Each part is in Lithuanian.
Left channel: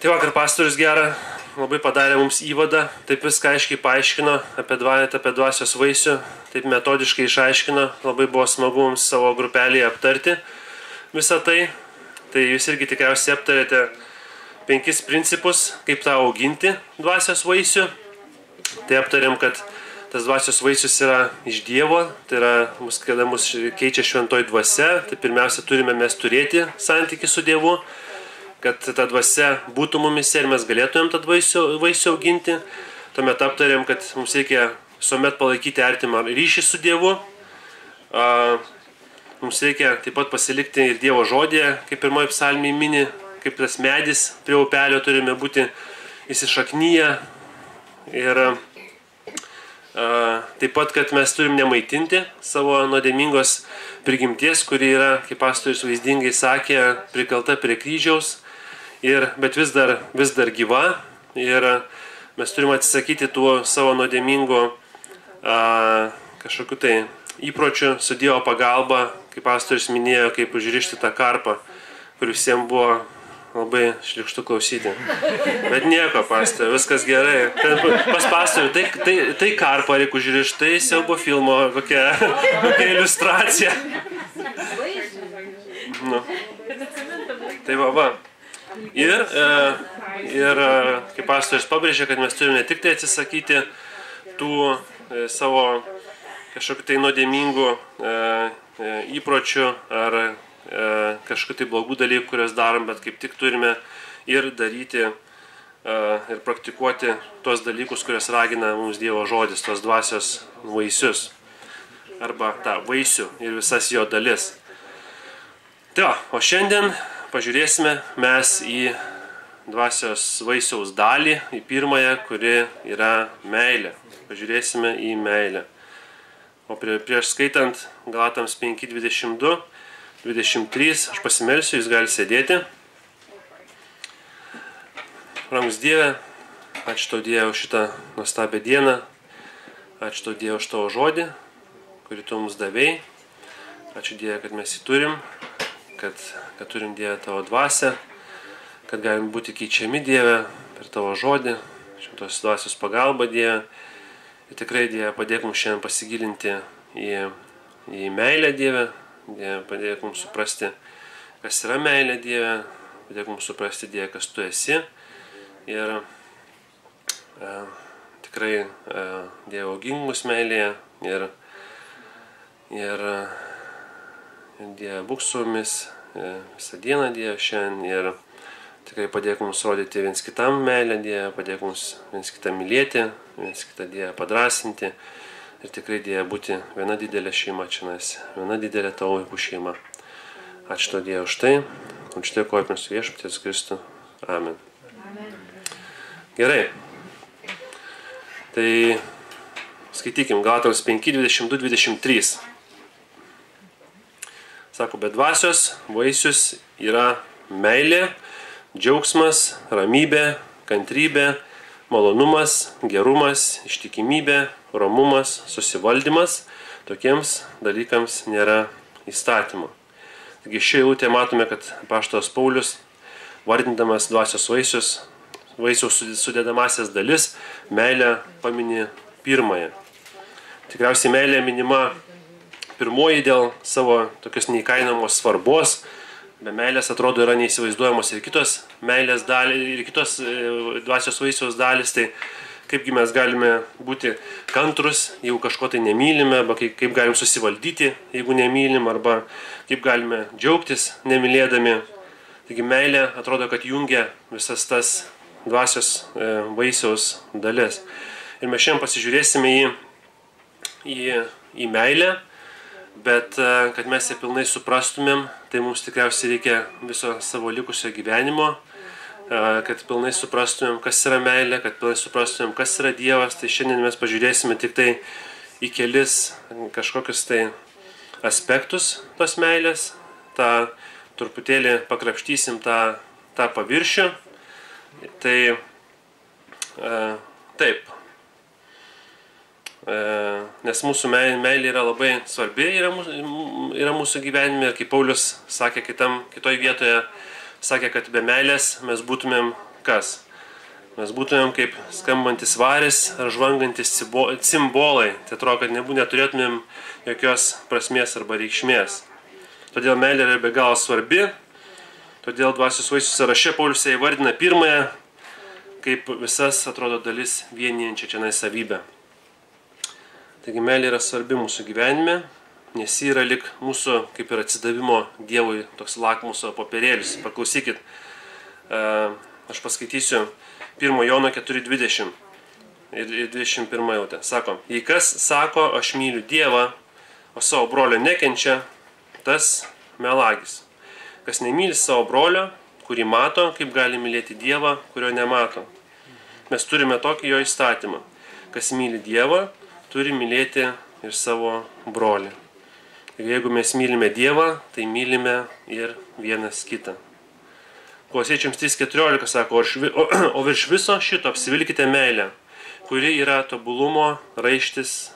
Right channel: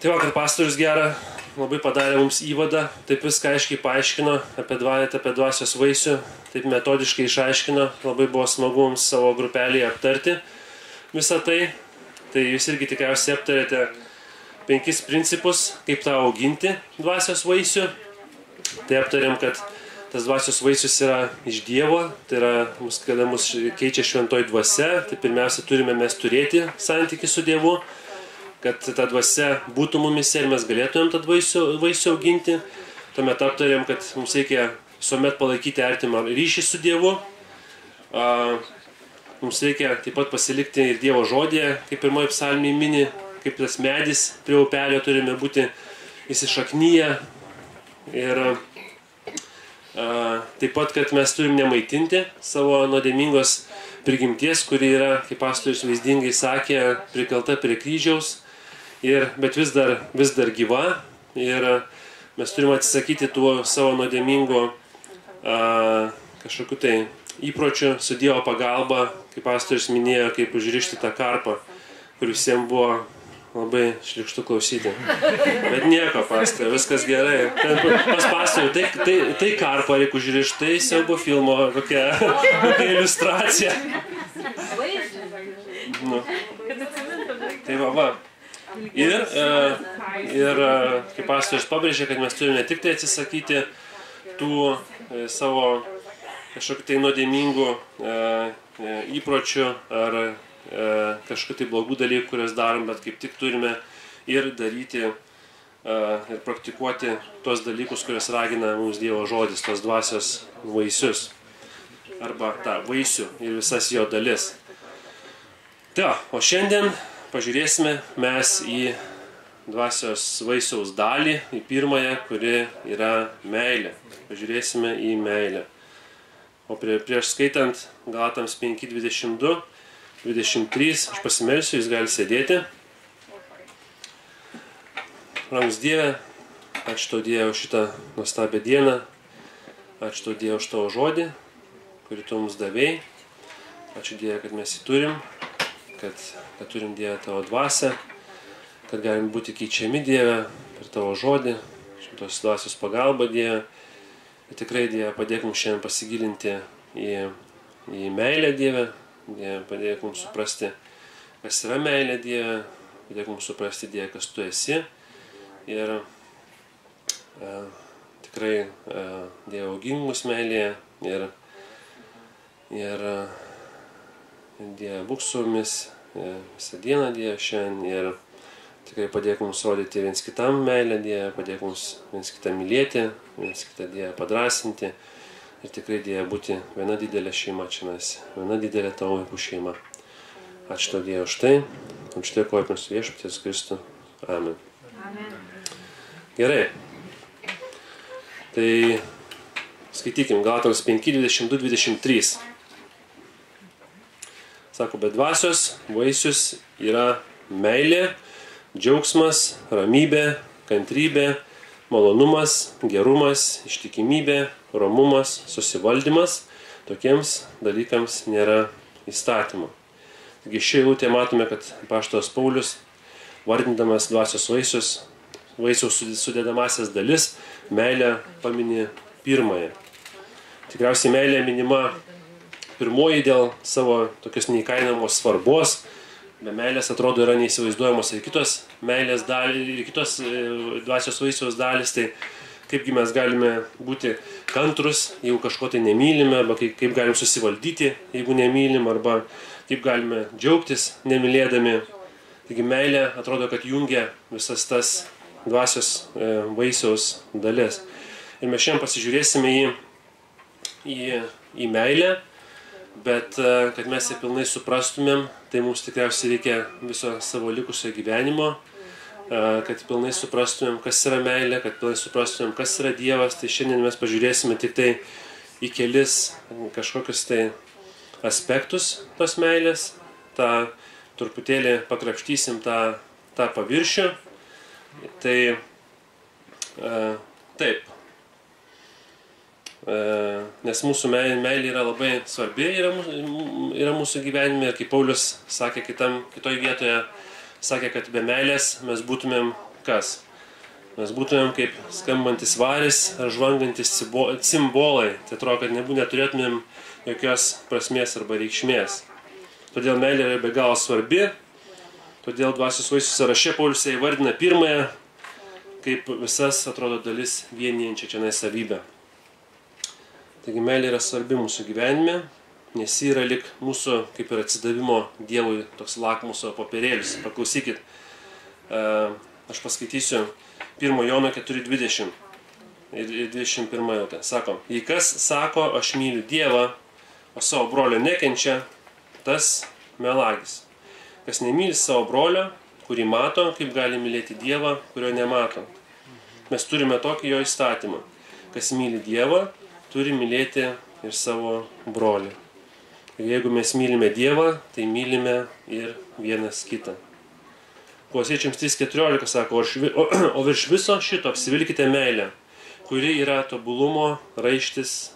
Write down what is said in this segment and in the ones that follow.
Tai vakar pastorius gerą labai padarė mums įvadą, taip viską aiškiai paaiškino apie dvasios vaisių, taip metodiškai išaiškino, labai buvo smagu mums savo grupelėje aptarti visą tai. Tai jūs irgi tikriausiai aptarėte 5 principus, kaip tą auginti dvasios vaisių. Tai aptarėm, kad tas dvasios vaisius yra iš Dievo, tai yra, kada mus keičia šventoji dvasia, tai pirmiausia turime mes turėti santykį su Dievu, kad ta dvasia būtų mumise ir mes galėtumėm tą vaisių auginti. Tuomet aptarėm, kad mums reikia visuomet palaikyti artimą ryšį su Dievu. Mums reikia taip pat pasilikti ir Dievo žodėje, kaip pirmoji psalmė mini, kaip tas medis prie upelio turime būti įsišaknyję. Ir taip pat, kad mes turim nemaitinti savo nuodėmingos prigimties, kuri yra, kaip pastorius vaizdingai sakė, prikalta prie kryžiaus. Bet vis dar gyva ir mes turime atsisakyti tų savo nuodėmingų kažkokių tai įpročių su Dievo pagalba, kaip pastorius minėjo, kaip užrišti tą karpą, kur visiems buvo labai šlykštu klausyti. Bet nieko, pastoriu, viskas gerai. Pas pastoriu, tai karpą reikia užrišti, tai siaubo filmo kokia iliustracija. Nu. Tai va. Ir kaip pastorius pabrėžė, kad mes turime ne tik tai atsisakyti tų savo kažkokių tai nuodėmingų įpročių ar kažkokių tai blogų dalykų, kurias darom, bet kaip tik turime ir daryti ir praktikuoti tos dalykus, kurias ragina mums Dievo žodis, tos dvasios vaisius arba tą vaisių ir visas jo dalis. Tai, o šiandien pažiūrėsime mes į dvasios vaisiaus dalį, į pirmąją, kuri yra meilė. Pažiūrėsime į meilę. O prieš skaitant Galatams 5:22, 23, aš pasimelsiu, jūs galite sėdėti. Brangus Dieve, ačiū tau Dieve už šitą nuostabią dieną, ačiū tau Dieve už tavo žodį, kurį tu mums davėjai. Ačiū Dieve, kad mes jį turim. Kad turim Dievę tavo dvasią, kad galim būti keičiami Dieve per tavo žodį, šitos dvasios pagalba Dieve. Ir tikrai Dieve padėk mums šiandien pasigilinti į meilę Dieve, padėk mums suprasti, kas yra meilė Dieve, padėk mums suprasti Dieve, kas tu esi. Ir tikrai Dieve augink mus meilėje ir Dieve, būk su mumis visą dieną, Dieve, šiandien ir tikrai padėk mums rodyti viens kitam meilę, Dieve, padėk mums viens kitą mylėti, viens kitą Dieve padrasinti ir tikrai Dieve būti viena didelė šeima čia mes, viena didelė tavo vaikų šeima. Ačiū tau Dieve už tai, už tai dėkoju mums viešpaties Kristų. Amen. Gerai. Tai skaitykim Galatams 5:22-23. Sako, bet dvasios vaisius yra meilė, džiaugsmas, ramybė, kantrybė, malonumas, gerumas, ištikimybė, romumas, susivaldymas. Tokiems dalykams nėra įstatymo. Taigi šioje eilutėje matome, kad apaštalas Paulius, vardindamas dvasios vaisiaus sudedamasias dalis, meilę pamini pirmąją. Tikriausiai meilė minima pirmoji dėl savo tokios neįkainojamos svarbos. Be meilės atrodo yra neįsivaizduojamos ir kitos meilės dalys, ir kitos dvasios vaisiaus dalys. Tai kaipgi mes galime būti kantrus, jeigu kažko tai nemylime, arba kaip galim susivaldyti, jeigu nemylim, arba kaip galime džiaugtis nemylėdami. Taigi meilė atrodo, kad jungia visas tas dvasios vaisiaus dalis. Ir mes šiandien pasižiūrėsime į meilę. Bet kad mes ją pilnai suprastumėm, tai mums tikriausiai reikia viso savo likusio gyvenimo, kad pilnai suprastumėm, kas yra meilė, kad pilnai suprastumėm, kas yra Dievas. Tai šiandien mes pažiūrėsime tik tai į kelis kažkokius tai aspektus tos meilės, truputėlį pakrapštysim tą paviršių. Tai taip. Nes mūsų meilė yra labai svarbi yra mūsų gyvenime. Ir kaip Paulius sakė kitoj vietoje, sakė, kad be meilės mes būtumėm kas? Mes būtumėm kaip skambantis varis ar žvangantis cimbolai. Tai atrodo, kad neturėtumėm jokios prasmės arba reikšmės. Todėl meilė yra be galo svarbi. Todėl dvasios vaisių sąraše Paulius įvardina pirmąją kaip visas, atrodo, dalis vienijančią čia savybę. Taigi meilė yra svarbi mūsų gyvenime, nes ji yra lik mūsų kaip ir atsidavimo Dievui toks lakmuso popierėlis. Paklausykit, aš paskaitysiu 1 Jono 4:20 ir 21 eilutę. Sako, jei kas sako, aš myliu Dievą, o savo brolio nekenčia, tas melagis. Kas nemyli savo brolio, kurį mato, kaip gali mylėti Dievą, kurio nemato. Mes turime tokį jo įstatymą. Kas myli Dievą, turi mylėti ir savo brolį. Ir jeigu mes mylime Dievą, tai mylime ir vienas kitą. Kolosiečiams 3:14 sako, o virš viso šito apsivilkite meilę, kuri yra tobulumo raištis.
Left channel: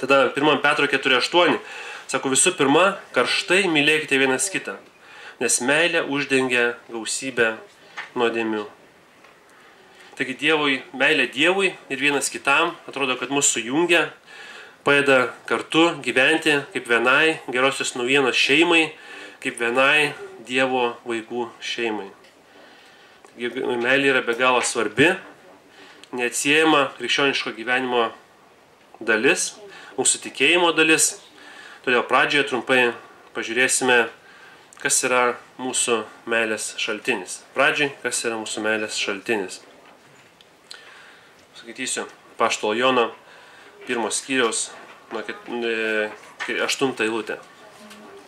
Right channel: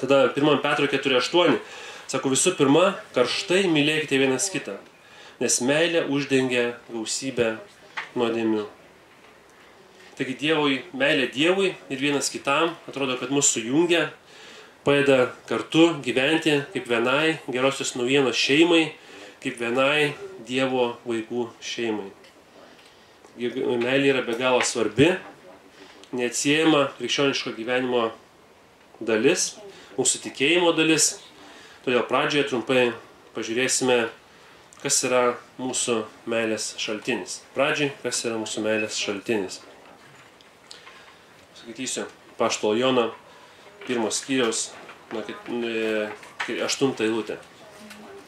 Tada 1 Petro 4:8 sako, visų pirma, karštai mylėkite vienas kitą, nes meilė uždengia gausybę nuodėmių. Taigi meilė Dievui ir vienas kitam, atrodo, kad mus sujungia, padeda kartu gyventi kaip vienai gerosios naujienos šeimai, kaip vienai Dievo vaikų šeimai. Meilė yra be galo svarbi, neatsiejama krikščioniško gyvenimo dalis, mūsų tikėjimo dalis. Todėl pradžioje trumpai pažiūrėsime, kas yra mūsų meilės šaltinis. Pradžiai, kas yra mūsų meilės šaltinis. Skaitysiu Apaštalo Jono 1 skyriaus 8 eilutę.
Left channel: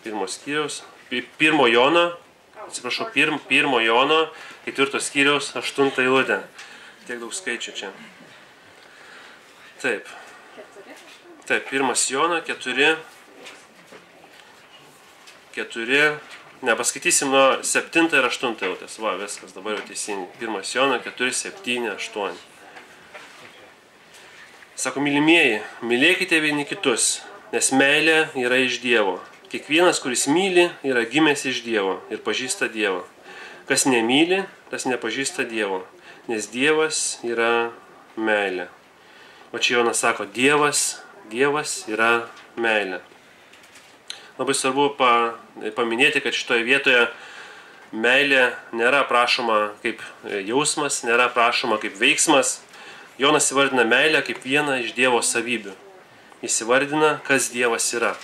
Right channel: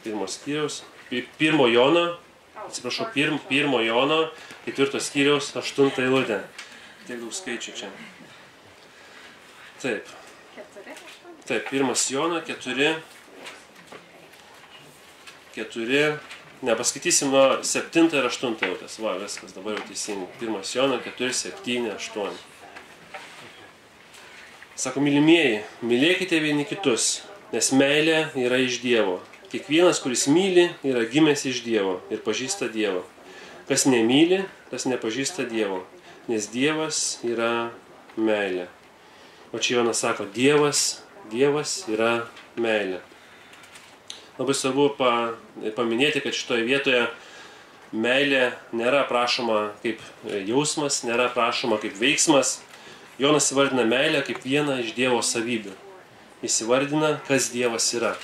1 skyriaus, 1 Jono 4 skyriaus 8 eilutę. Tiek daug skaičių čia. Taip, 1 Jono 4, nepaskaitysim nuo 7 ir 8 eilutės. Va, viskas, dabar jau teisingai. 1 Jono 4, 7, 8. Sako, mylimieji, mylėkite vieni kitus, nes meilė yra iš Dievo. Kiekvienas, kuris myli, yra gimęs iš Dievo ir pažįsta Dievą. Kas nemyli, tas nepažįsta Dievo, nes Dievas yra meilė. O čia Jonas sako, Dievas yra meilė. Labai svarbu paminėti, kad šitoje vietoje meilė nėra prašoma kaip jausmas, nėra prašoma kaip veiksmas. Jonas įvardina meilę kaip vieną iš Dievo savybių. Jis įvardina, kas Dievas yra.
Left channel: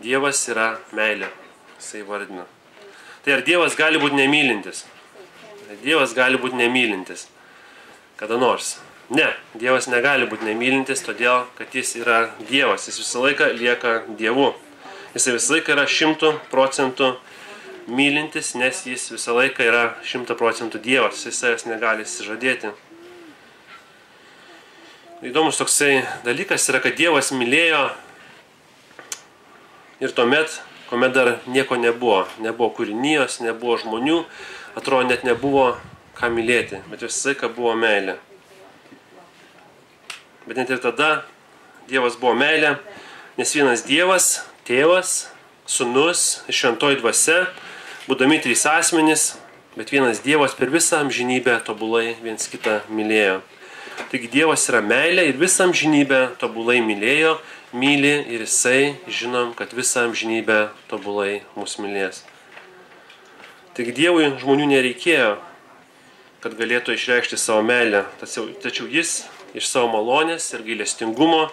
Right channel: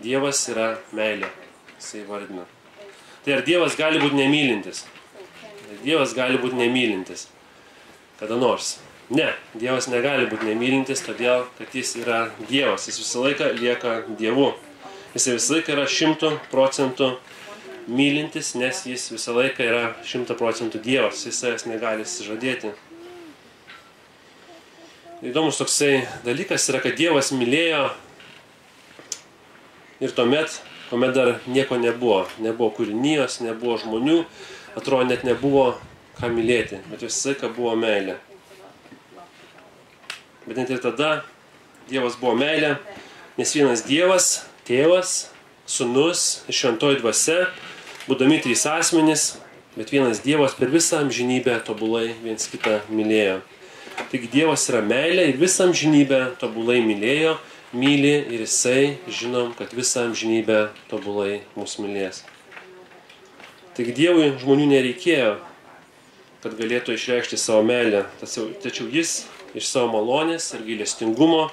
Dievas yra meilė. Jis įvardina. Tai ar Dievas gali būti nemylintis? Dievas gali būti nemylintis. Kada nors. Ne, Dievas negali būti nemylintis, todėl, kad jis yra Dievas. Jis visą laiką lieka Dievu. Jis visą laiką yra 100% mylintis, nes jis visą laiką yra 100% Dievas. Jis savęs negali išsižadėti. Įdomus toksai dalykas yra, kad Dievas mylėjo ir tuomet, kuomet dar nieko nebuvo. Nebuvo kūrinijos, nebuvo žmonių, atrodo net nebuvo ką mylėti, bet visą laiką buvo meilė. Bet net ir tada Dievas buvo meilė, nes vienas Dievas, Tėvas, Sūnus ir Šventoji Dvasia, būdami 3 asmenys, bet vienas Dievas per visą amžinybę tobulai viens kitą mylėjo. Taigi Dievas yra meilė ir visą amžinybę tobulai mylėjo, myli ir jisai, žinom, kad visą amžinybę tobulai mus mylės. Taigi Dievui žmonių nereikėjo, kad galėtų išreikšti savo meilę, tačiau jis iš savo malonės ir gailestingumo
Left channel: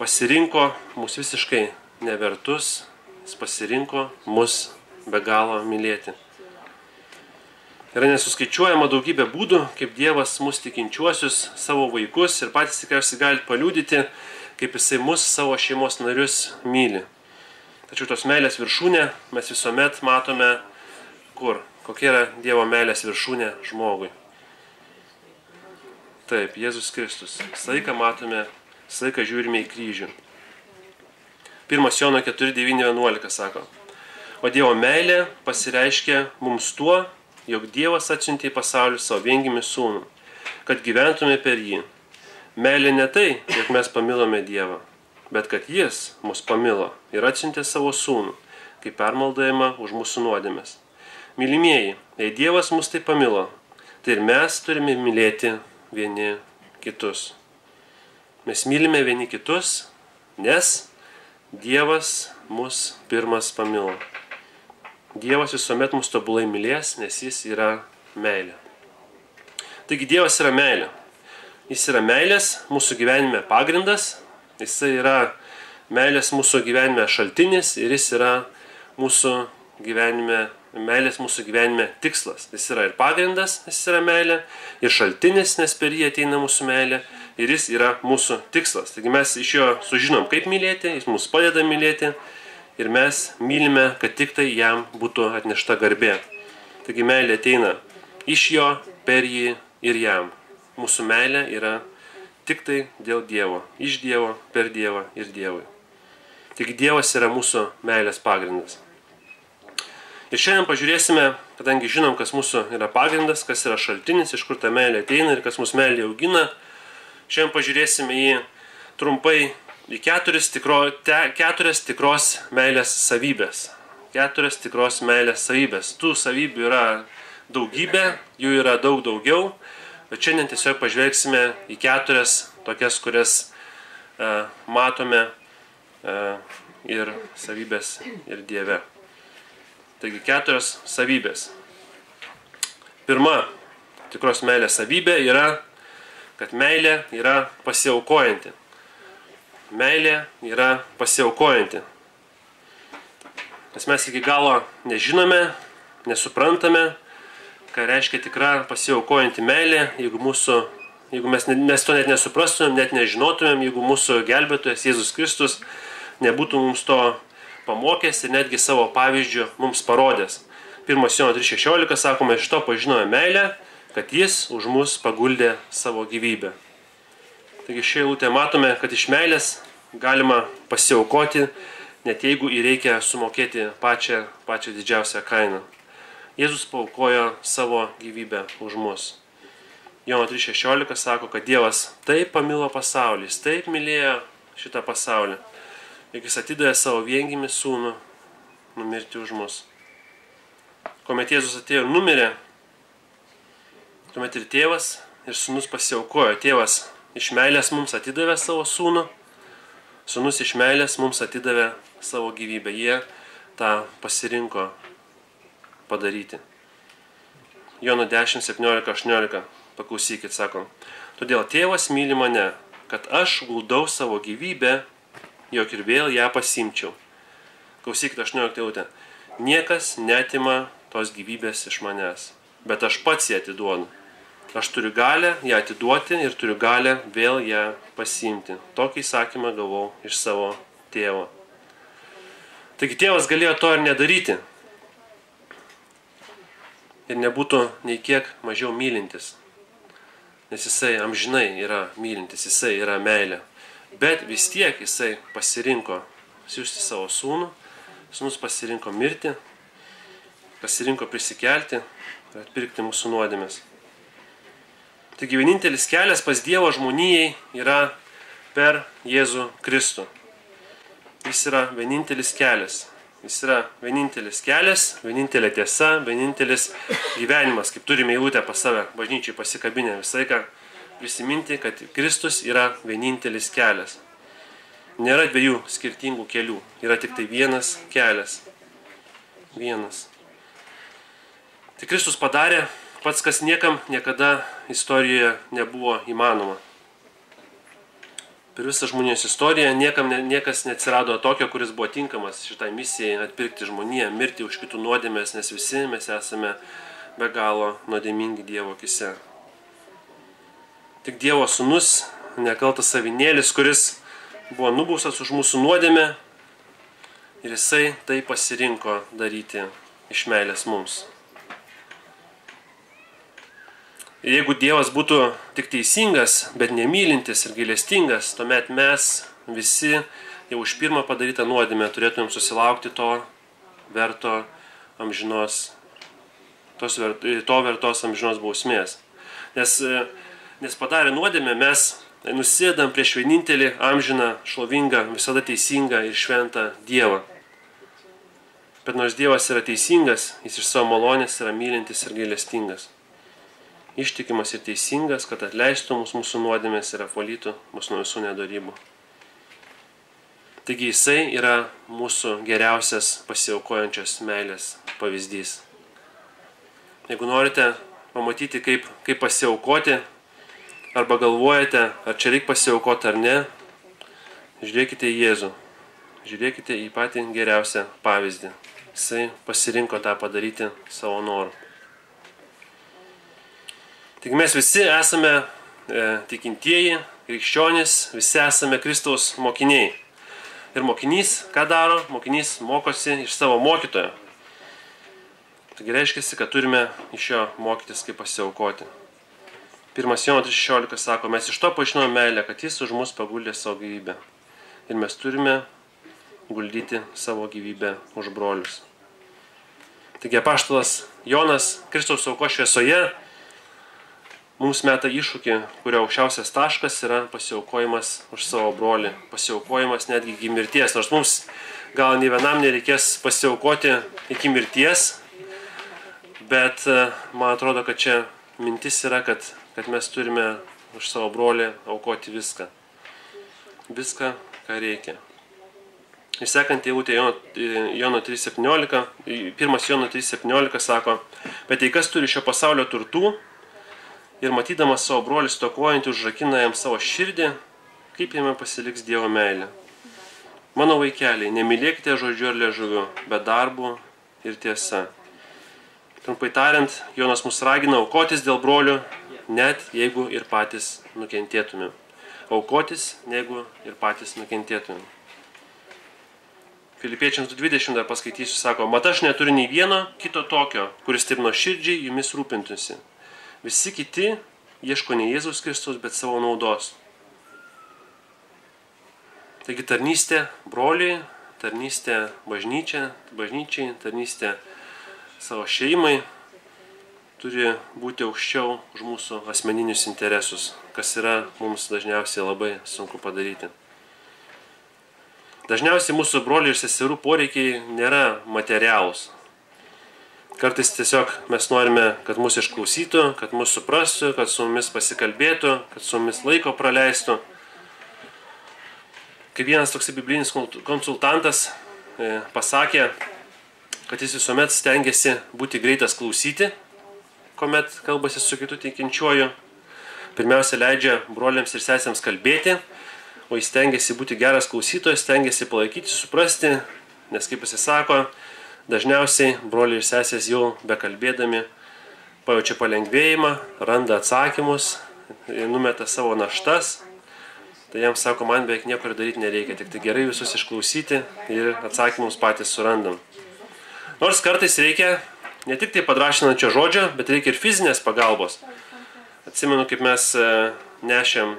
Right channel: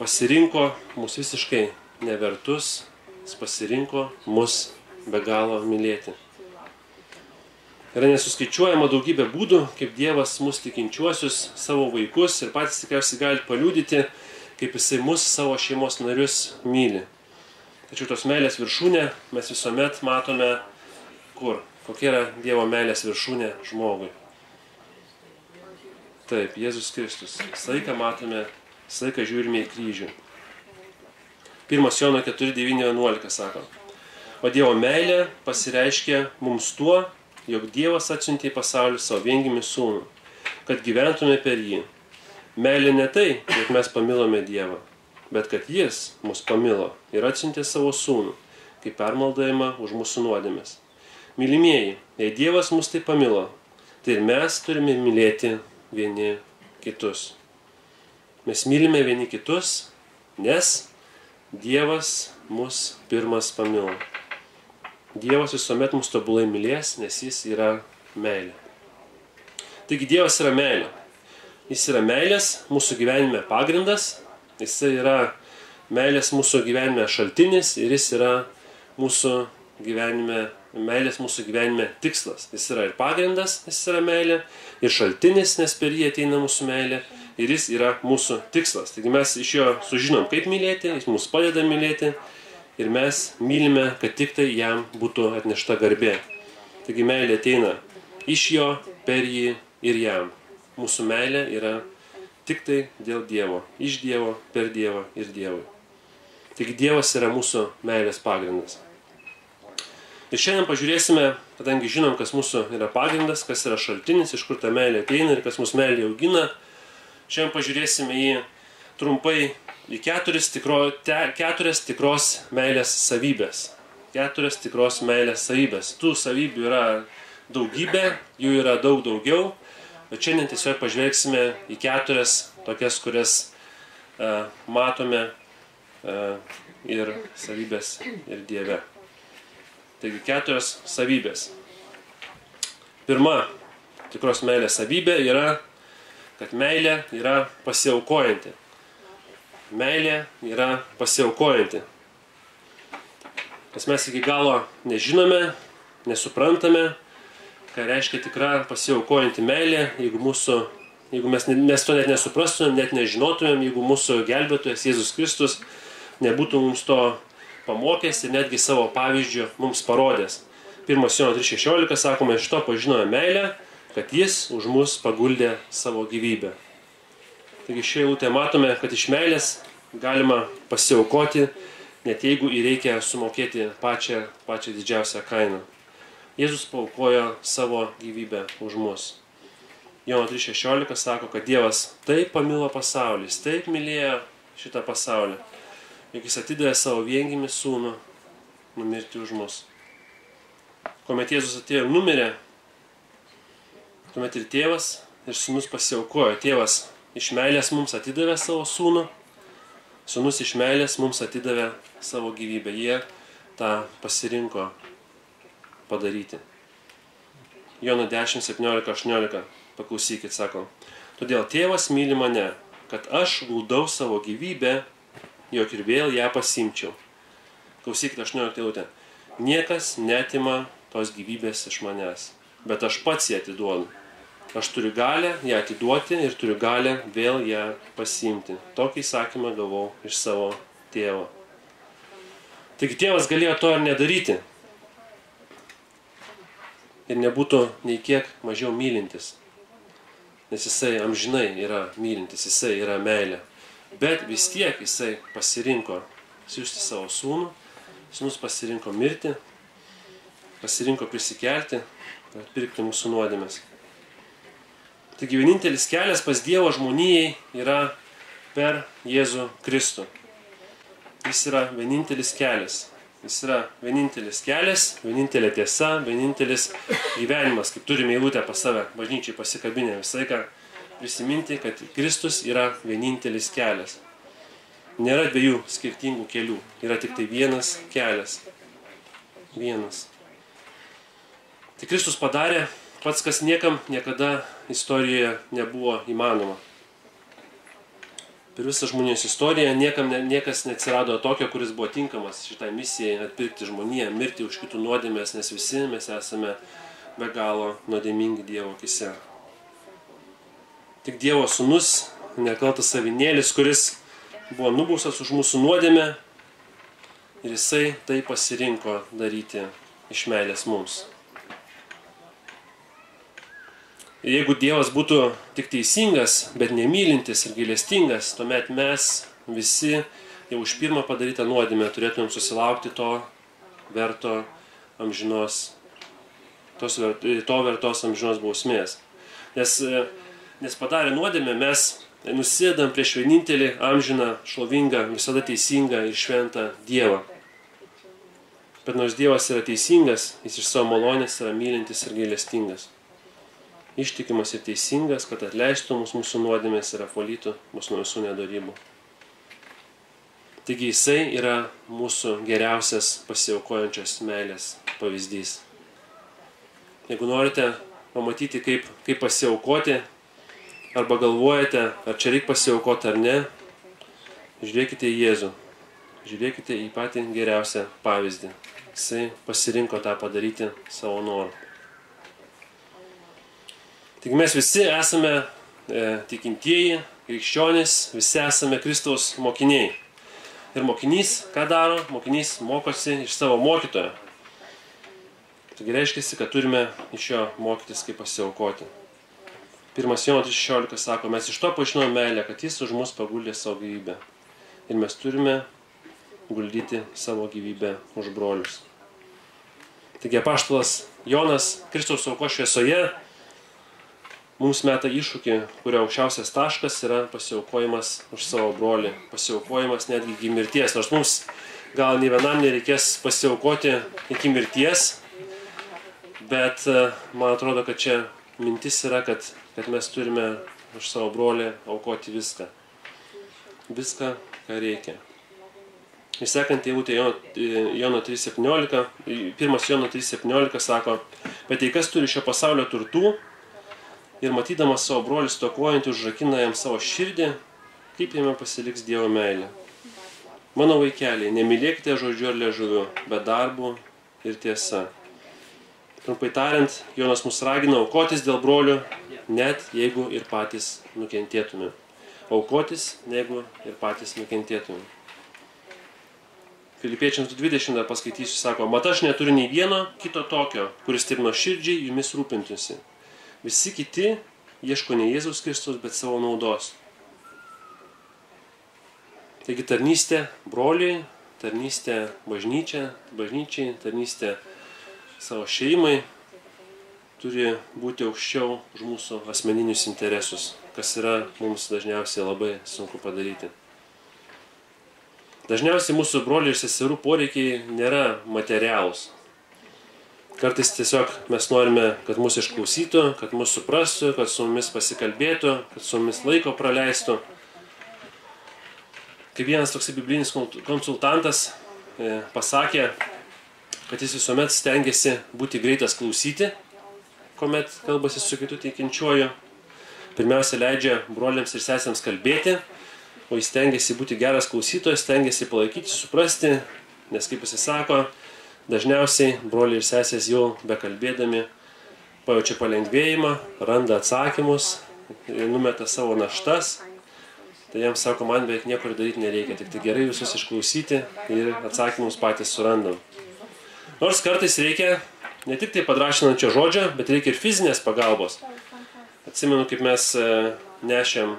pasirinko mus visiškai nevertus, jis pasirinko mus be galo mylėti. Yra nesuskaičiuojama daugybė būdų, kaip Dievas mus tikinčiuosius, savo vaikus ir patys tikriausiai gali paliudyti, kaip jisai mus, savo šeimos narius myli. Tačiau tos meilės viršūnė mes visuomet matome kur? Kokia yra Dievo meilės viršūnė žmogui? Taip, Jėzus Kristus. Visą laiką matome, visą laiką žiūrime į kryžių. 1 Jono 4, 9, 11 sako. O Dievo meilė pasireiškia mums tuo, jog Dievas atsiuntė į pasaulį savo viengimį sūnų, kad gyventume per jį. Meilė ne tai, jog mes pamilome Dievą, bet kad jis mus pamilo ir atsiuntė savo sūnų, kaip permaldavimą už mūsų nuodėmes. mylimieji, jei Dievas mus taip pamilo, tai ir mes turime mylėti vieni kitus. Mes mylime vieni kitus, nes Dievas mus pirmas pamilo. Dievas visuomet mus tobulai mylės, nes jis yra meilė. Taigi Dievas yra meilė. Jis yra meilės mūsų gyvenime pagrindas, jisai yra meilės mūsų gyvenime šaltinis ir jis yra meilės mūsų gyvenime tikslas. Jis yra ir pagrindas, jis yra meilė, ir šaltinis, nes per jį ateina mūsų meilė, ir jis yra mūsų tikslas. Taigi mes iš jo sužinom, kaip mylėti, jis mums padeda mylėti, ir mes mylime, kad tik tai jam būtų atnešta garbė. Taigi meilė ateina iš jo, per jį ir jam. Mūsų meilė yra tik tai dėl Dievo, iš Dievo, per Dievą ir Dievui. Taigi Dievas yra mūsų meilės pagrindas. Ir šiandien pažiūrėsime, kadangi žinom, kas mūsų yra pagrindas, kas yra šaltinis, iš kur ta meilė ateina ir kas mūsų meilė augina. Šiandien pažiūrėsime trumpai į keturias tikros meilės savybės. Keturias tikros meilės savybės. Tų savybių yra daugybė, jų yra daug daugiau, bet šiandien tiesiog pažvelgsime į keturias tokias, kurias matome ir savybės ir Dieve. Taigi keturios savybės. Pirma tikros meilės savybė yra, kad meilė yra pasiaukojanti. Meilė yra pasiaukojanti. Nes mes iki galo nežinome, nesuprantame, ką reiškia tikra pasiaukojanti meilė, jeigu mes to net nesuprastumėm, net nežinotumėm, jeigu mūsų gelbėtojas Jėzus Kristus nebūtų mums to pamokęs ir netgi savo pavyzdžių mums parodęs. 1 Jono 3,16 sakoma, iš to pažinome meilę, kad jis už mus paguldė savo gyvybę. Taigi šioje eilutėje matome, kad iš meilės galima pasiaukoti, net jeigu reikia sumokėti pačią didžiausią kainą. Jėzus paaukojo savo gyvybę už mus. Jono 3,16 sako, kad Dievas taip pamilo pasaulį, jis taip mylėjo šitą pasaulį, jog jis atidavė savo viengimį sūnų numirti už mus. Kuomet Jėzus atėjo ir numirė, tuomet ir tėvas ir sūnus pasiaukojo. Tėvas iš meilės mums atidavė savo sūnų, sūnus iš meilės mums atidavė savo gyvybę. Jie tą pasirinko padaryti. Jono 10, 17, 18. Paklausykit, sako. Todėl tėvas myli mane, kad aš guldau savo gyvybę, jog ir vėl ją pasimčiau. Klausykit 18 eilutę. Niekas neatima tos gyvybės iš manęs, bet aš pats ją atiduodu. Aš turiu galę ją atiduoti ir turiu galę vėl ją pasiimti. Tokį įsakymą gavau iš savo tėvo. Taigi tėvas galėjo to ir nedaryti. Ir nebūtų nei kiek mažiau mylintis. Nes jisai amžinai yra mylintis, jisai yra meilė. Bet vis tiek jisai pasirinko siųsti savo sūnų, sūnus pasirinko mirti, pasirinko prisikelti ir atpirkti mūsų nuodėmes. Taigi vienintelis kelias pas Dievo žmonijai yra per Jėzų Kristų. Jis yra vienintelis kelias. Jis yra vienintelis kelias, vienintelė tiesa, vienintelis gyvenimas, kaip turime eilutę pas save, bažnyčiai pasikabinę visą laiką prisiminti, kad Kristus yra vienintelis kelias. Nėra dviejų skirtingų kelių, yra tik tai vienas kelias. Vienas. Tai Kristus padarė pats, kas niekam niekada istorijoje nebuvo įmanoma. Per visą žmonijos istoriją niekas neatsirado tokio, kuris buvo tinkamas šitai misijai atpirkti žmoniją, mirti už kitų nuodėmės, nes visi mes esame be galo nuodėmingi Dievo akise. Tik Dievo sūnus, nekaltas avinėlis, kuris buvo nubaustas už mūsų nuodėmę ir jisai tai pasirinko daryti iš meilės mums. Ir jeigu Dievas būtų tik teisingas, bet nemylintis ir gailestingas, tuomet mes visi jau už pirmą padarytą nuodėmę turėtumėm susilaukti to vertos amžinos bausmės. Nes padarę nuodėmę mes nusėdam prieš vienintelį amžiną, šlovingą, visada teisingą ir šventą Dievą. Bet nors Dievas yra teisingas, jis iš savo malonės yra mylintis ir gailestingas. Ištikimas ir teisingas, kad atleistų mūsų nuodėmės ir apvalytų mus nuo visų nedorybų. Taigi jisai yra mūsų geriausias pasiaukojančios meilės pavyzdys. Jeigu norite pamatyti, kaip pasiaukoti, arba galvojate, ar čia reikia pasiaukoti ar ne, žiūrėkite į Jėzų. Žiūrėkite į patį geriausią pavyzdį. Jisai pasirinko tą padaryti savo noru. Tik mes visi esame tikintieji, krikščionys, visi esame Kristaus mokiniai. Ir mokinys, ką daro? Mokinys mokosi iš savo mokytojo. Taigi reiškia, kad turime iš jo mokytis, kaip pasiaukoti. 1 Jono 3,16 sako, mes iš to pažinome meilę, kad jis už mus paguldė savo gyvybę. Ir mes turime guldyti savo gyvybę už brolius. Taigi apaštalas Jonas Kristaus aukos šviesoje mums meta iššūkį, kurio aukščiausias taškas yra pasiaukojimas už savo brolį. Pasiaukojimas netgi iki mirties. Nors mums gal nei vienam nereikės pasiaukoti iki mirties, bet man atrodo, kad čia mintis yra, kad mes turime už savo brolį aukoti viską. Viską, ką reikia. Ir sekant eilutė Jono 3,17, 1 Jono 3,17 sako, bet jei kas turi šio pasaulio turtų ir matydamas savo brolį stokojantį užrakina jam savo širdį, kaip jame pasiliks Dievo meilė. Mano vaikeliai, nemylėkite žodžiu ar liežuviu, bet darbu ir tiesa. Trumpai tariant, Jonas mus ragina aukotis dėl brolių, net jeigu ir patys nukentėtume. Aukotis, jeigu ir patys nukentėtume. Filipiečiams 2:20 dar paskaitysiu, sako, mat aš neturiu nei vieno kito tokio, kuris taip nuoširdžiai jumis rūpintųsi. Visi kiti ieško ne Jėzaus Kristaus, bet savo naudos. Taigi tarnystė broliai, tarnystė bažnyčiai, tarnystė savo šeimai turi būti aukščiau už mūsų asmeninius interesus, kas yra mums dažniausiai labai sunku padaryti. Dažniausiai mūsų brolių ir seserų poreikiai nėra materialūs. Kartais tiesiog mes norime, kad mūsų išklausytų, kad mūsų suprastų, kad su mumis pasikalbėtų, kad su mumis laiko praleistų. Kaip vienas toks biblinis konsultantas pasakė, kad jis visuomet stengiasi būti greitas klausyti, kuomet kalbasi su kitu tikinčiuoju. Pirmiausia, leidžia broliams ir sesėms kalbėti, o jis stengiasi būti geras klausytojas, stengiasi palaikyti, suprasti, nes kaip jis sako, dažniausiai broliai ir sesės jau bekalbėdami pajaučia palengvėjimą, randa atsakymus, numeta savo naštas. Tai jam sako, man beveik nieko daryti nereikia, tik tai gerai visus išklausyti ir atsakymus patys surandam. Nors kartais reikia ne tik tai padrašinančio žodžio, bet reikia ir fizinės pagalbos. Atsimenu, kaip mes nešėm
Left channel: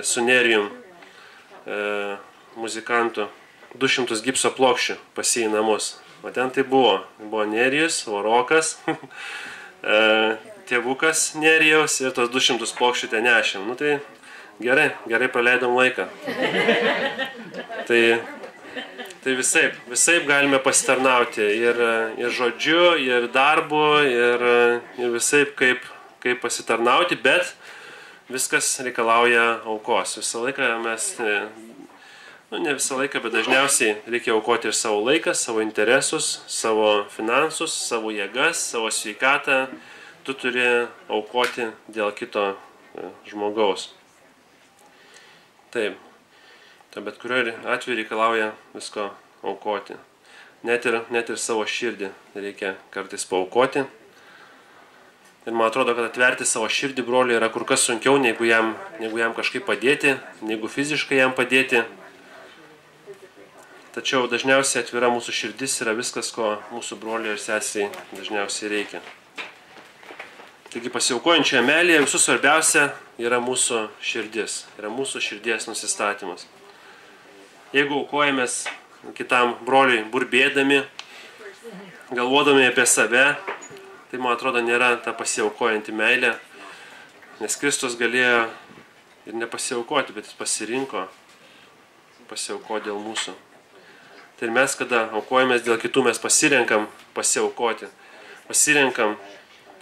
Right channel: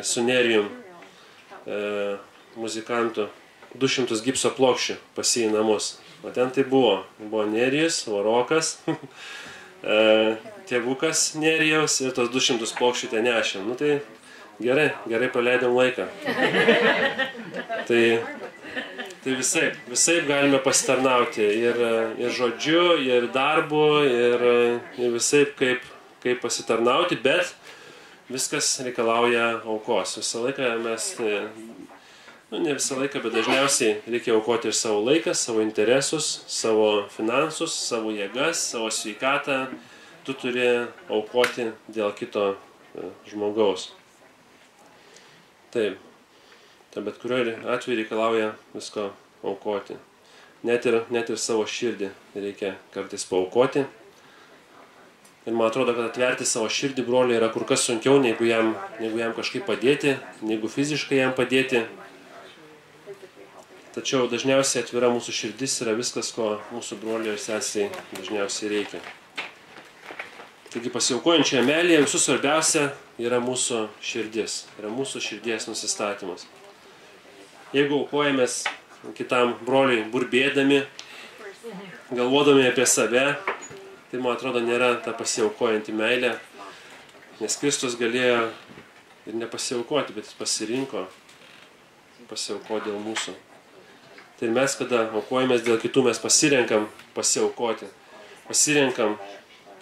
su Nerijum muzikantų 200 gipso plokščių pas jį į namus. O ten tai buvo Nerijus, Rokas, tėvukas Nerijaus ir tos 200 plokščių ten nešėm. Nu tai gerai praleidom laiką. Tai visaip galime pasitarnauti ir žodžiu, ir darbu, ir visaip kaip pasitarnauti, bet viskas reikalauja aukos. Visą laiką mes, ne visą laiką, bet dažniausiai reikia aukoti ir savo laiką, savo interesus, savo finansus, savo jėgas, savo sveikatą. Tu turi aukoti dėl kito žmogaus. Taip. Bet kuriuo atveju reikalauja visko aukoti. Net ir savo širdį reikia kartais paaukoti. Ir man atrodo, kad atverti savo širdį broliui yra kur kas sunkiau, negu jam kažkaip padėti, negu fiziškai jam padėti. Tačiau dažniausiai atvira mūsų širdis yra viskas, ko mūsų broliui ir sesei dažniausiai reikia. Taigi pasiaukojančioje meilėje visų svarbiausia yra mūsų širdis, yra mūsų širdies nusistatymas. Jeigu aukojamės kitam broliui burbėdami, galvodami apie save, tai man atrodo nėra ta pasiaukojanti meilė, nes Kristus galėjo ir nepasiaukoti, bet jis pasirinko pasiaukoti dėl mūsų. Tai ir mes, kada aukojamės dėl kitų, mes pasirenkam pasiaukoti. Pasirenkam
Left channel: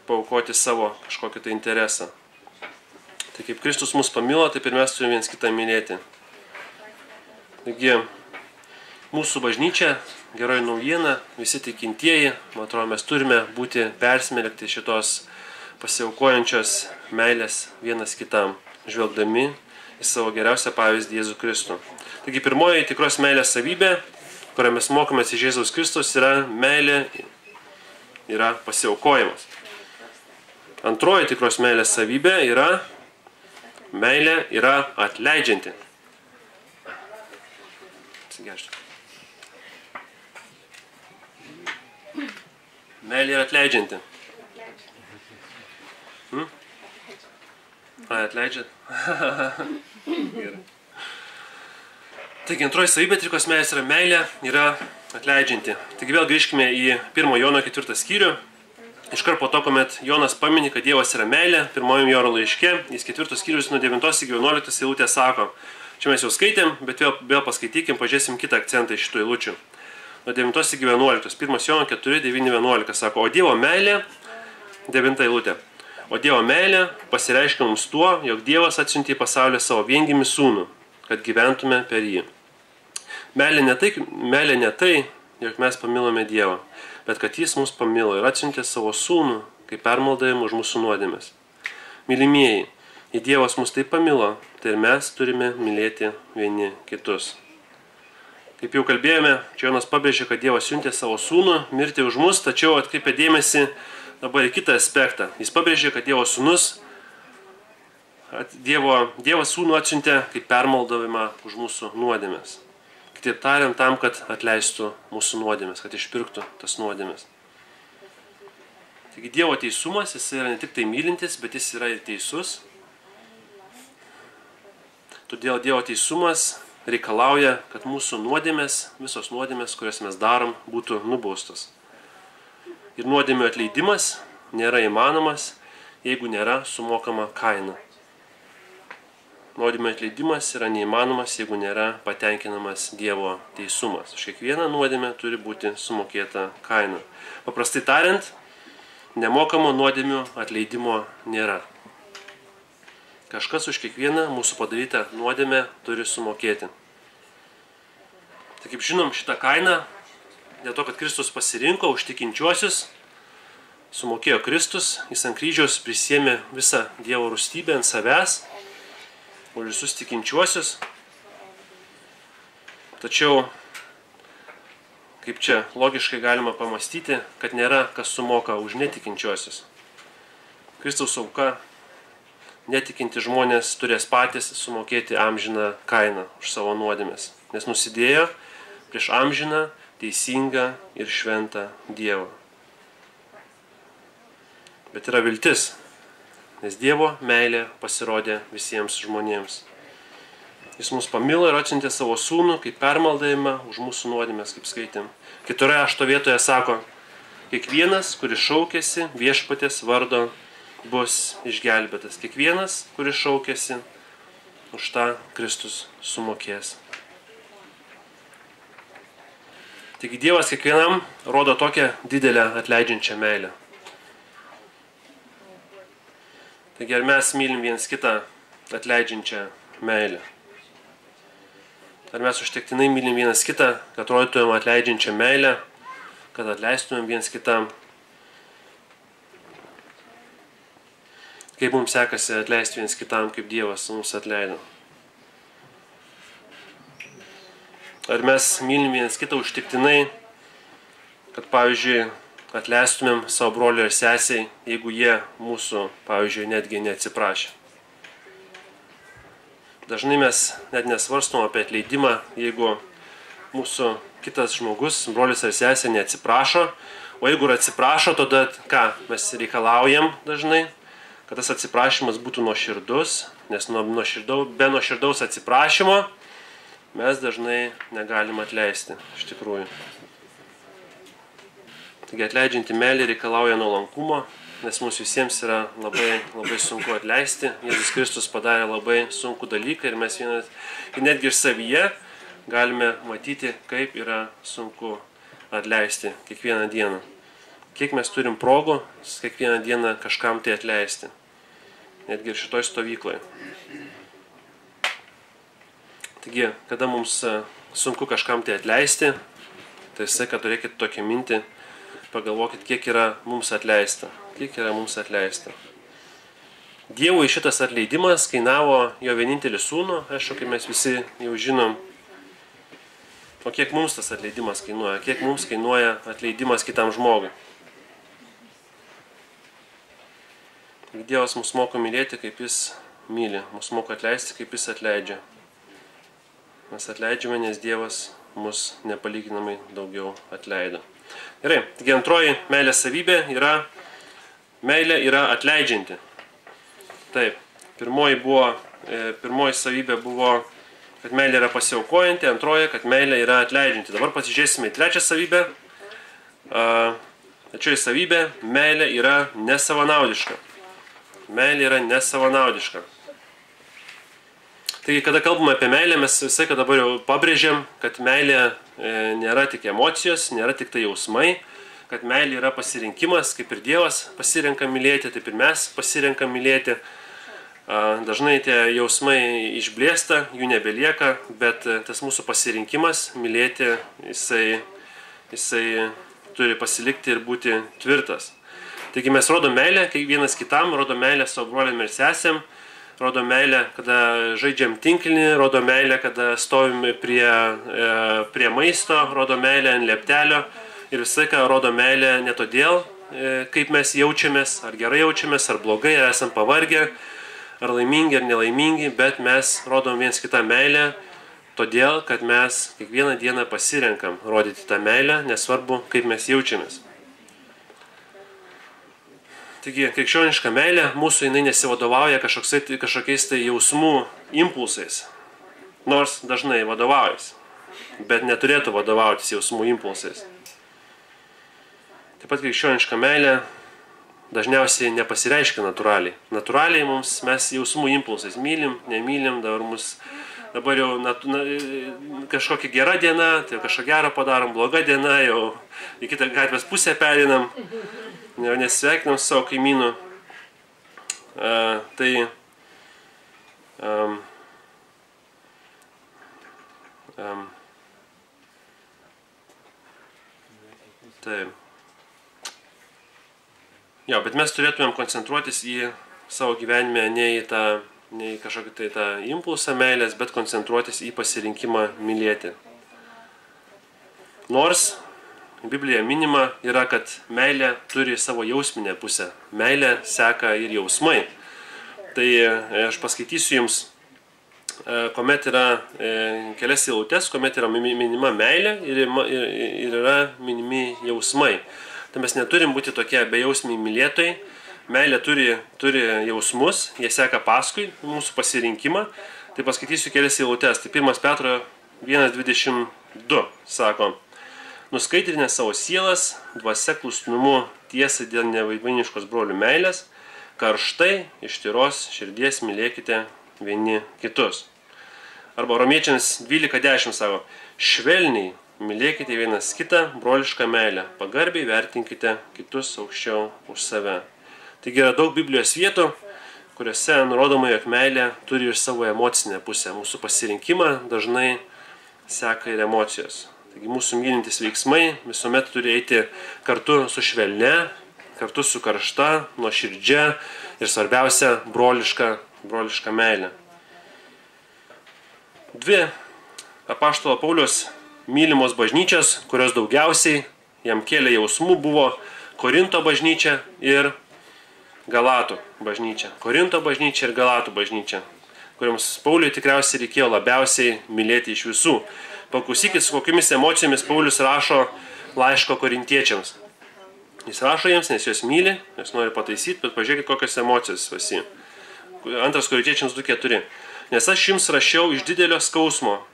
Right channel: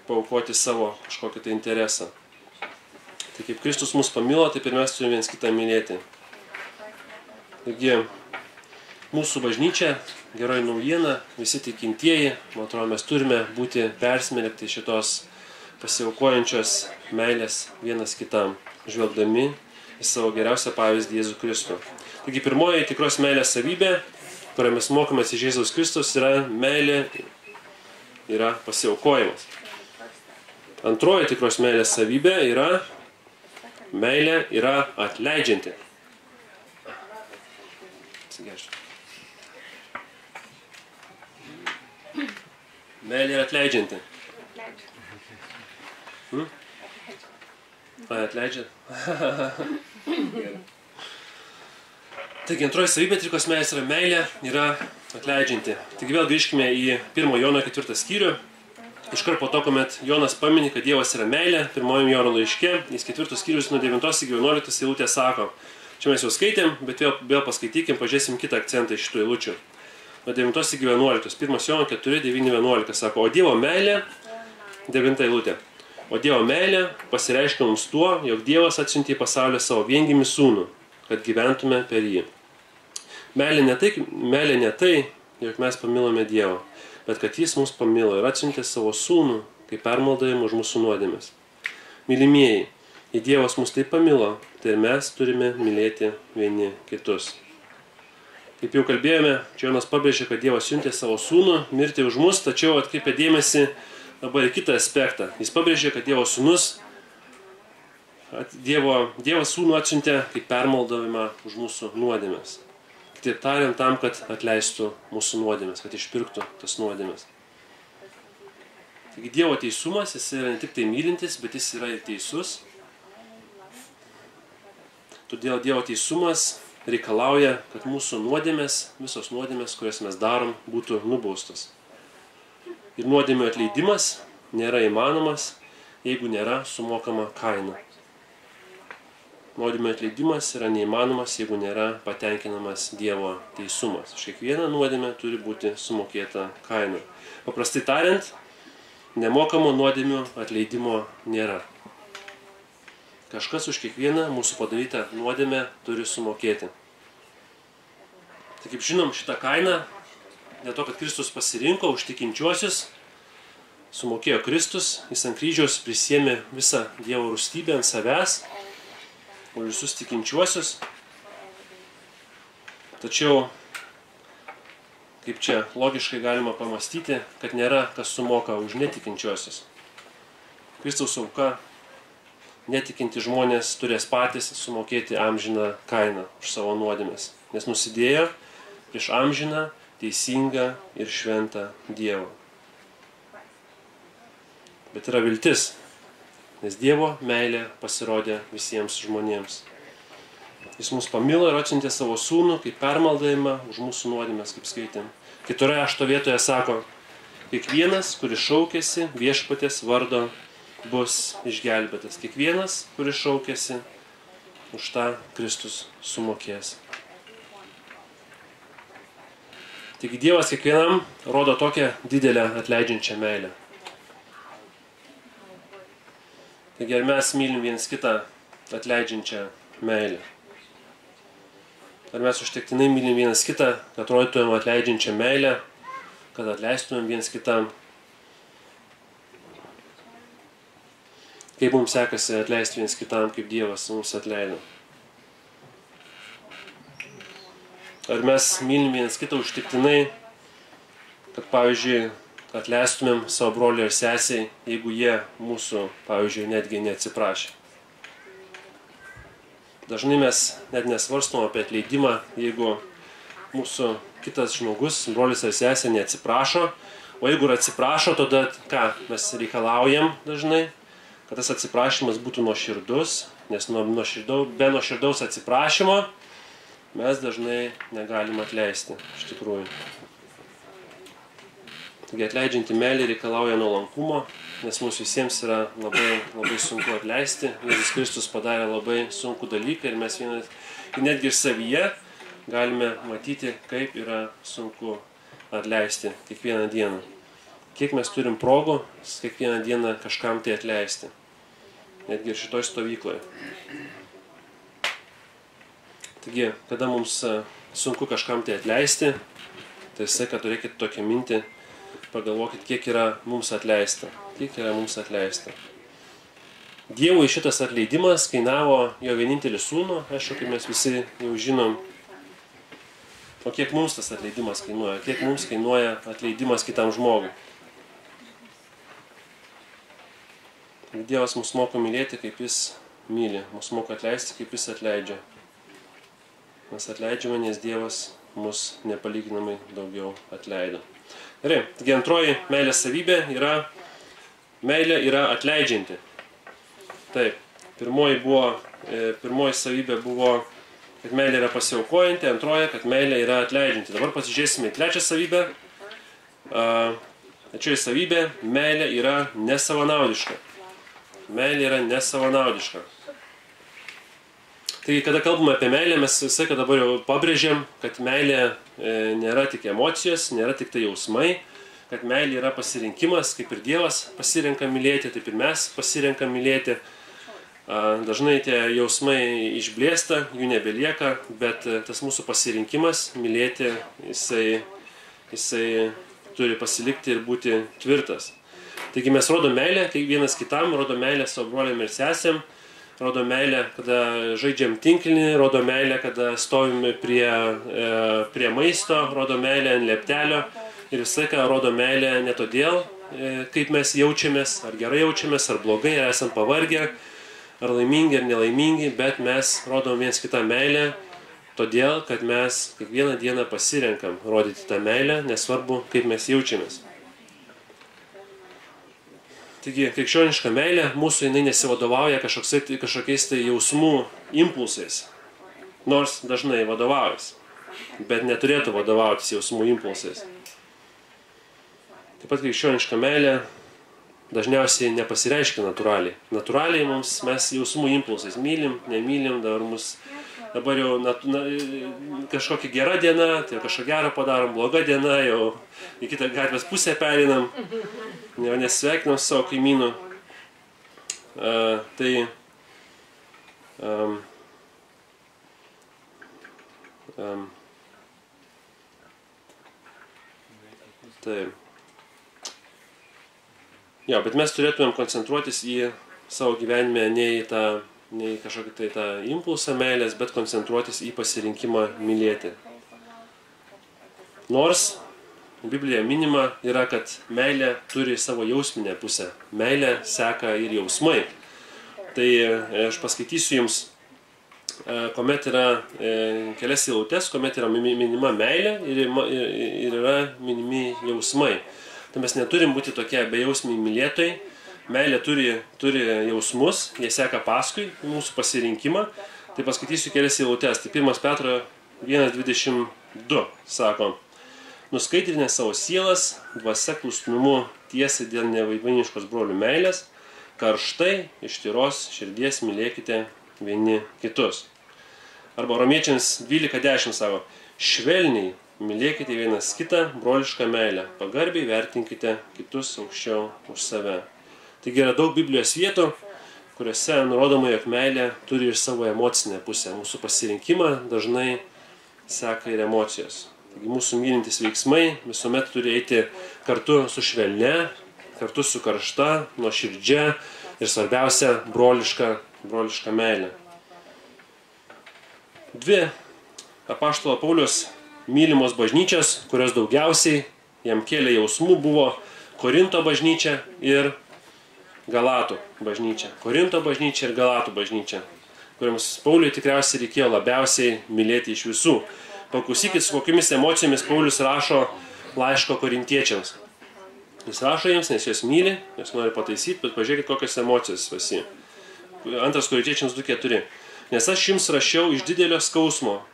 paaukoti savo kažkokį tai interesą. Tai kaip Kristus mus pamilo, taip ir mes turime viens kitą mylėti. Taigi, mūsų bažnyčia, geroji naujiena, visi tikintieji, man atrodo, mes turime būti persmelkti šitos pasiaukojančios meilės vienas kitam, žvelgdami į savo geriausią pavyzdį Jėzų Kristų. Taigi, pirmoji tikros meilės savybė, kurią mes mokomės iš Jėzaus Kristus, yra meilė, yra pasiaukojimas. Antroji tikros meilės savybė yra meilė yra atleidžianti. Atsigeršti. Meilė yra atleidžianti. Atleidžia? Taigi, antroji savybė tikros meilės yra meilė, yra atleidžianti. Taigi vėl grįžkime į 1 Jono 4 skyrių. Iškart po to, kuomet Jonas pamini, kad Dievas yra meilė, 1 Jono laiške, jis 4 skyrius nuo 9 iki 11 eilutė sako. Čia mes jau skaitėm, bet vėl paskaitykim, pažiūrėsim kitą akcentą iš šitų eilučių. Nuo 9 iki 11. 1 Jono 4, 9, 11 sako, o Dievo meilė, 9 eilutė. O Dievo meilė pasireiškia mums tuo, jog Dievas atsiuntė į pasaulį savo viengimį sūnų, kad gyventume per jį. Meilė ne tai, jog mes pamilome Dievą, bet kad jis mus pamilo ir atsiuntė savo sūnų, kaip permaldavimą už mūsų nuodėmes. Mylimieji, jei Dievas mus taip pamilo, tai ir mes turime mylėti vieni kitus. Kaip jau kalbėjome, čia Jonas pabrėžė, kad Dievas siuntė savo sūnų mirti už mus, tačiau atkreipė dėmesį dabar į kitą aspektą. Jis pabrėžė, kad Dievo sūnus, Dievas sūnų atsiuntė kaip permaldavimą už mūsų nuodėmes. Kitaip tariant, tam, kad atleistų mūsų nuodėmes, kad išpirktų tas nuodėmes. Taigi Dievo teisumas, jis yra ne tik tai mylintis, bet jis yra ir teisus. Todėl Dievo teisumas reikalauja, kad mūsų nuodėmes, visos nuodėmes, kurias mes darom, būtų nubaustos. Ir nuodėmių atleidimas nėra įmanomas, jeigu nėra sumokama kaina. Nuodėmių atleidimas yra neįmanomas, jeigu nėra patenkinamas Dievo teisumas. Už kiekvieną nuodėmę turi būti sumokėta kaina. Paprastai tariant, nemokamo nuodėmių atleidimo nėra. Kažkas už kiekvieną mūsų padarytą nuodėmę turi sumokėti. Tai kaip žinom, šitą kainą, dėl to, kad Kristus pasirinko už tikinčiuosius, sumokėjo Kristus, jis ant kryžiaus prisiėmė visą Dievo rūstybę ant savęs, už visus tikinčiuosius. Tačiau, kaip čia logiškai galima pamastyti, kad nėra kas sumoka už netikinčiuosius. Kristaus auka, netikinti žmonės turės patys sumokėti amžiną kainą už savo nuodėmes, nes nusidėjo prieš amžiną, teisingą ir šventą Dievą. Bet yra viltis, nes Dievo meilė pasirodė visiems žmonėms. Jis mus pamilo ir atsiuntė savo sūnų kaip permaldavimą už mūsų nuodėmes, kaip skaitėm. Kitoje rašto vietoje sako, kiekvienas, kuris šaukėsi viešpaties vardo, bus išgelbėtas. Kiekvienas, kuris šaukėsi, už tą Kristus sumokės. Taigi Dievas kiekvienam rodo tokią didelę atleidžiančią meilę. Taigi ar mes mylim viens kitą atleidžiančią meilę? Ar mes užtektinai mylim vienas kitą, kad rodytumėm atleidžiančią meilę, kad atleistumėm viens kitam? Kaip mums sekasi atleisti viens kitam, kaip Dievas mums atleido? Ar mes mylim vienas kitą užtektinai, kad, pavyzdžiui, atleistumėm savo broliui ir sesiai, jeigu jie mūsų, pavyzdžiui, netgi neatsiprašė. Dažnai mes net nesvarstom apie atleidimą, jeigu mūsų kitas žmogus, brolis ar sesė neatsiprašo, o jeigu ir atsiprašo, tada ką? Mes reikalaujam dažnai, kad tas atsiprašymas būtų nuoširdus, nes be nuoširdaus atsiprašymo mes dažnai negalim atleisti, iš tikrųjų. Taigi atleidžianti meilė reikalauja nuolankumo, nes mums visiems yra labai sunku atleisti. Jėzus Kristus padarė labai sunkų dalyką ir mes netgi ir savyje galime matyti, kaip yra sunku atleisti kiekvieną dieną. Kiek mes turim progų kiekvieną dieną kažkam tai atleisti. Netgi ir šitoj stovykloje. Taigi, kada mums sunku kažkam tai atleisti, tai kad turėkite tokią mintį, pagalvokit, kiek yra mums atleista. Kiek yra mums atleista. Dievui šitas atleidimas kainavo jo vienintelį sūnų, aišku, kaip mes visi jau žinom. O kiek mums tas atleidimas kainuoja? Kiek mums kainuoja atleidimas kitam žmogui? Dievas mus moko mylėti, kaip jis myli. Mus moko atleisti, kaip jis atleidžia. Mes atleidžiame, nes Dievas mus nepalyginamai daugiau atleido. Gerai, taigi antroji meilės savybė yra meilė yra atleidžianti. Taip, pirmoji savybė buvo, kad meilė yra pasiaukojanti, antroji, kad meilė yra atleidžianti. Dabar pasižiūrėsime į trečią savybę. Trečioji savybė, meilė yra nesavanaudiška. Meilė yra nesavanaudiška. Taigi, kada kalbame apie meilę, mes visai, kad dabar jau pabrėžiam, kad meilė nėra tik emocijos, nėra tik tai jausmai, kad meilė yra pasirinkimas, kaip ir Dievas pasirenka mylėti, taip ir mes pasirenkam mylėti. Dažnai tie jausmai išblėsta, jų nebelieka, bet tas mūsų pasirinkimas mylėti, jisai turi pasilikti ir būti tvirtas. Taigi mes rodom meilę, kai vienas kitam, rodom meilę savo broliam ir sesėm, rodom meilę, kada žaidžiam tinklinį, rodom meilę, kada stovim prie maisto, rodom meilę ant lieptelio ir visai, ką rodom meilę ne todėl, kaip mes jaučiamės, ar gerai jaučiamės, ar blogai, ar esam pavargę, ar laimingi, ar nelaimingi, bet mes rodom viens kitą meilę, todėl, kad mes kiekvieną dieną pasirenkam rodyti tą meilę, nesvarbu, kaip mes jaučiamės. Taigi, krikščioniška meilė mūsų jinai nesivadovauja kažkokiais tai jausmų impulsais, nors dažnai vadovaujasi, bet neturėtų vadovautis jausmų impulsais. Taip pat krikščioniška meilė dažniausiai nepasireiškia natūraliai. Natūraliai mes jausmų impulsais mylim, nemylim, dabar jau kažkokia gera diena, tai kažką gerą padarom, bloga diena, jau į kitą gatvės pusę perinam, jau nesveikinam savo kaimynų. Jo, bet mes turėtumėm koncentruotis į savo gyvenime ne į kažkokį tai tą impulsą meilės, bet koncentruotis į pasirinkimą mylėti. Nors Biblija minima yra, kad meilė turi savo jausminę pusę. Meilė seka ir jausmai. Tai aš paskaitysiu jums, kuomet yra kelias eilutes, kuomet yra minima meilė ir yra minimi jausmai. Tai mes neturim būti tokie bejausmiai mylėtojai. Meilė turi jausmus, jie seka paskui mūsų pasirinkimą. Tai paskaitysiu kelias eilutes. Tai 1 Petro 1:22 sako: Nuskaidrinę savo sielas, dvasia klusnumu tiesai dėl nevaidmainiškos brolių meilės, karštai iš tyros širdies mylėkite vieni kitus. Arba Romiečiams 12:10 sako: Švelniai mylėkite vienas kitą brolišką meilę, pagarbiai vertinkite kitus aukščiau už save. Taigi yra daug Biblijos vietų, kuriuose nurodoma, jog meilė turi ir savo emocinę pusę. Mūsų pasirinkimą dažnai seka ir emocijos. Taigi mūsų mylintis veiksmai visuomet turi eiti kartu su švelne, kartu su karšta, nuoširdžia ir svarbiausia broliška meilė. Dvi apaštalo Pauliaus mylimos bažnyčios, kurios daugiausiai jam kėlė jausmų, buvo Korinto bažnyčia ir Galatų bažnyčia. Korinto bažnyčia ir Galatų bažnyčia, kuriams Pauliui tikriausiai reikėjo labiausiai mylėti iš visų. Paklausykit, su kokiamis emocijomis Paulius rašo laiško korintiečiams. Jis rašo jiems, nes juos myli, juos nori pataisyti, bet pažiūrėkit, kokios emocijos visi. 2 Korintiečiams 2:4. Nes aš jums rašiau iš didelio skausmo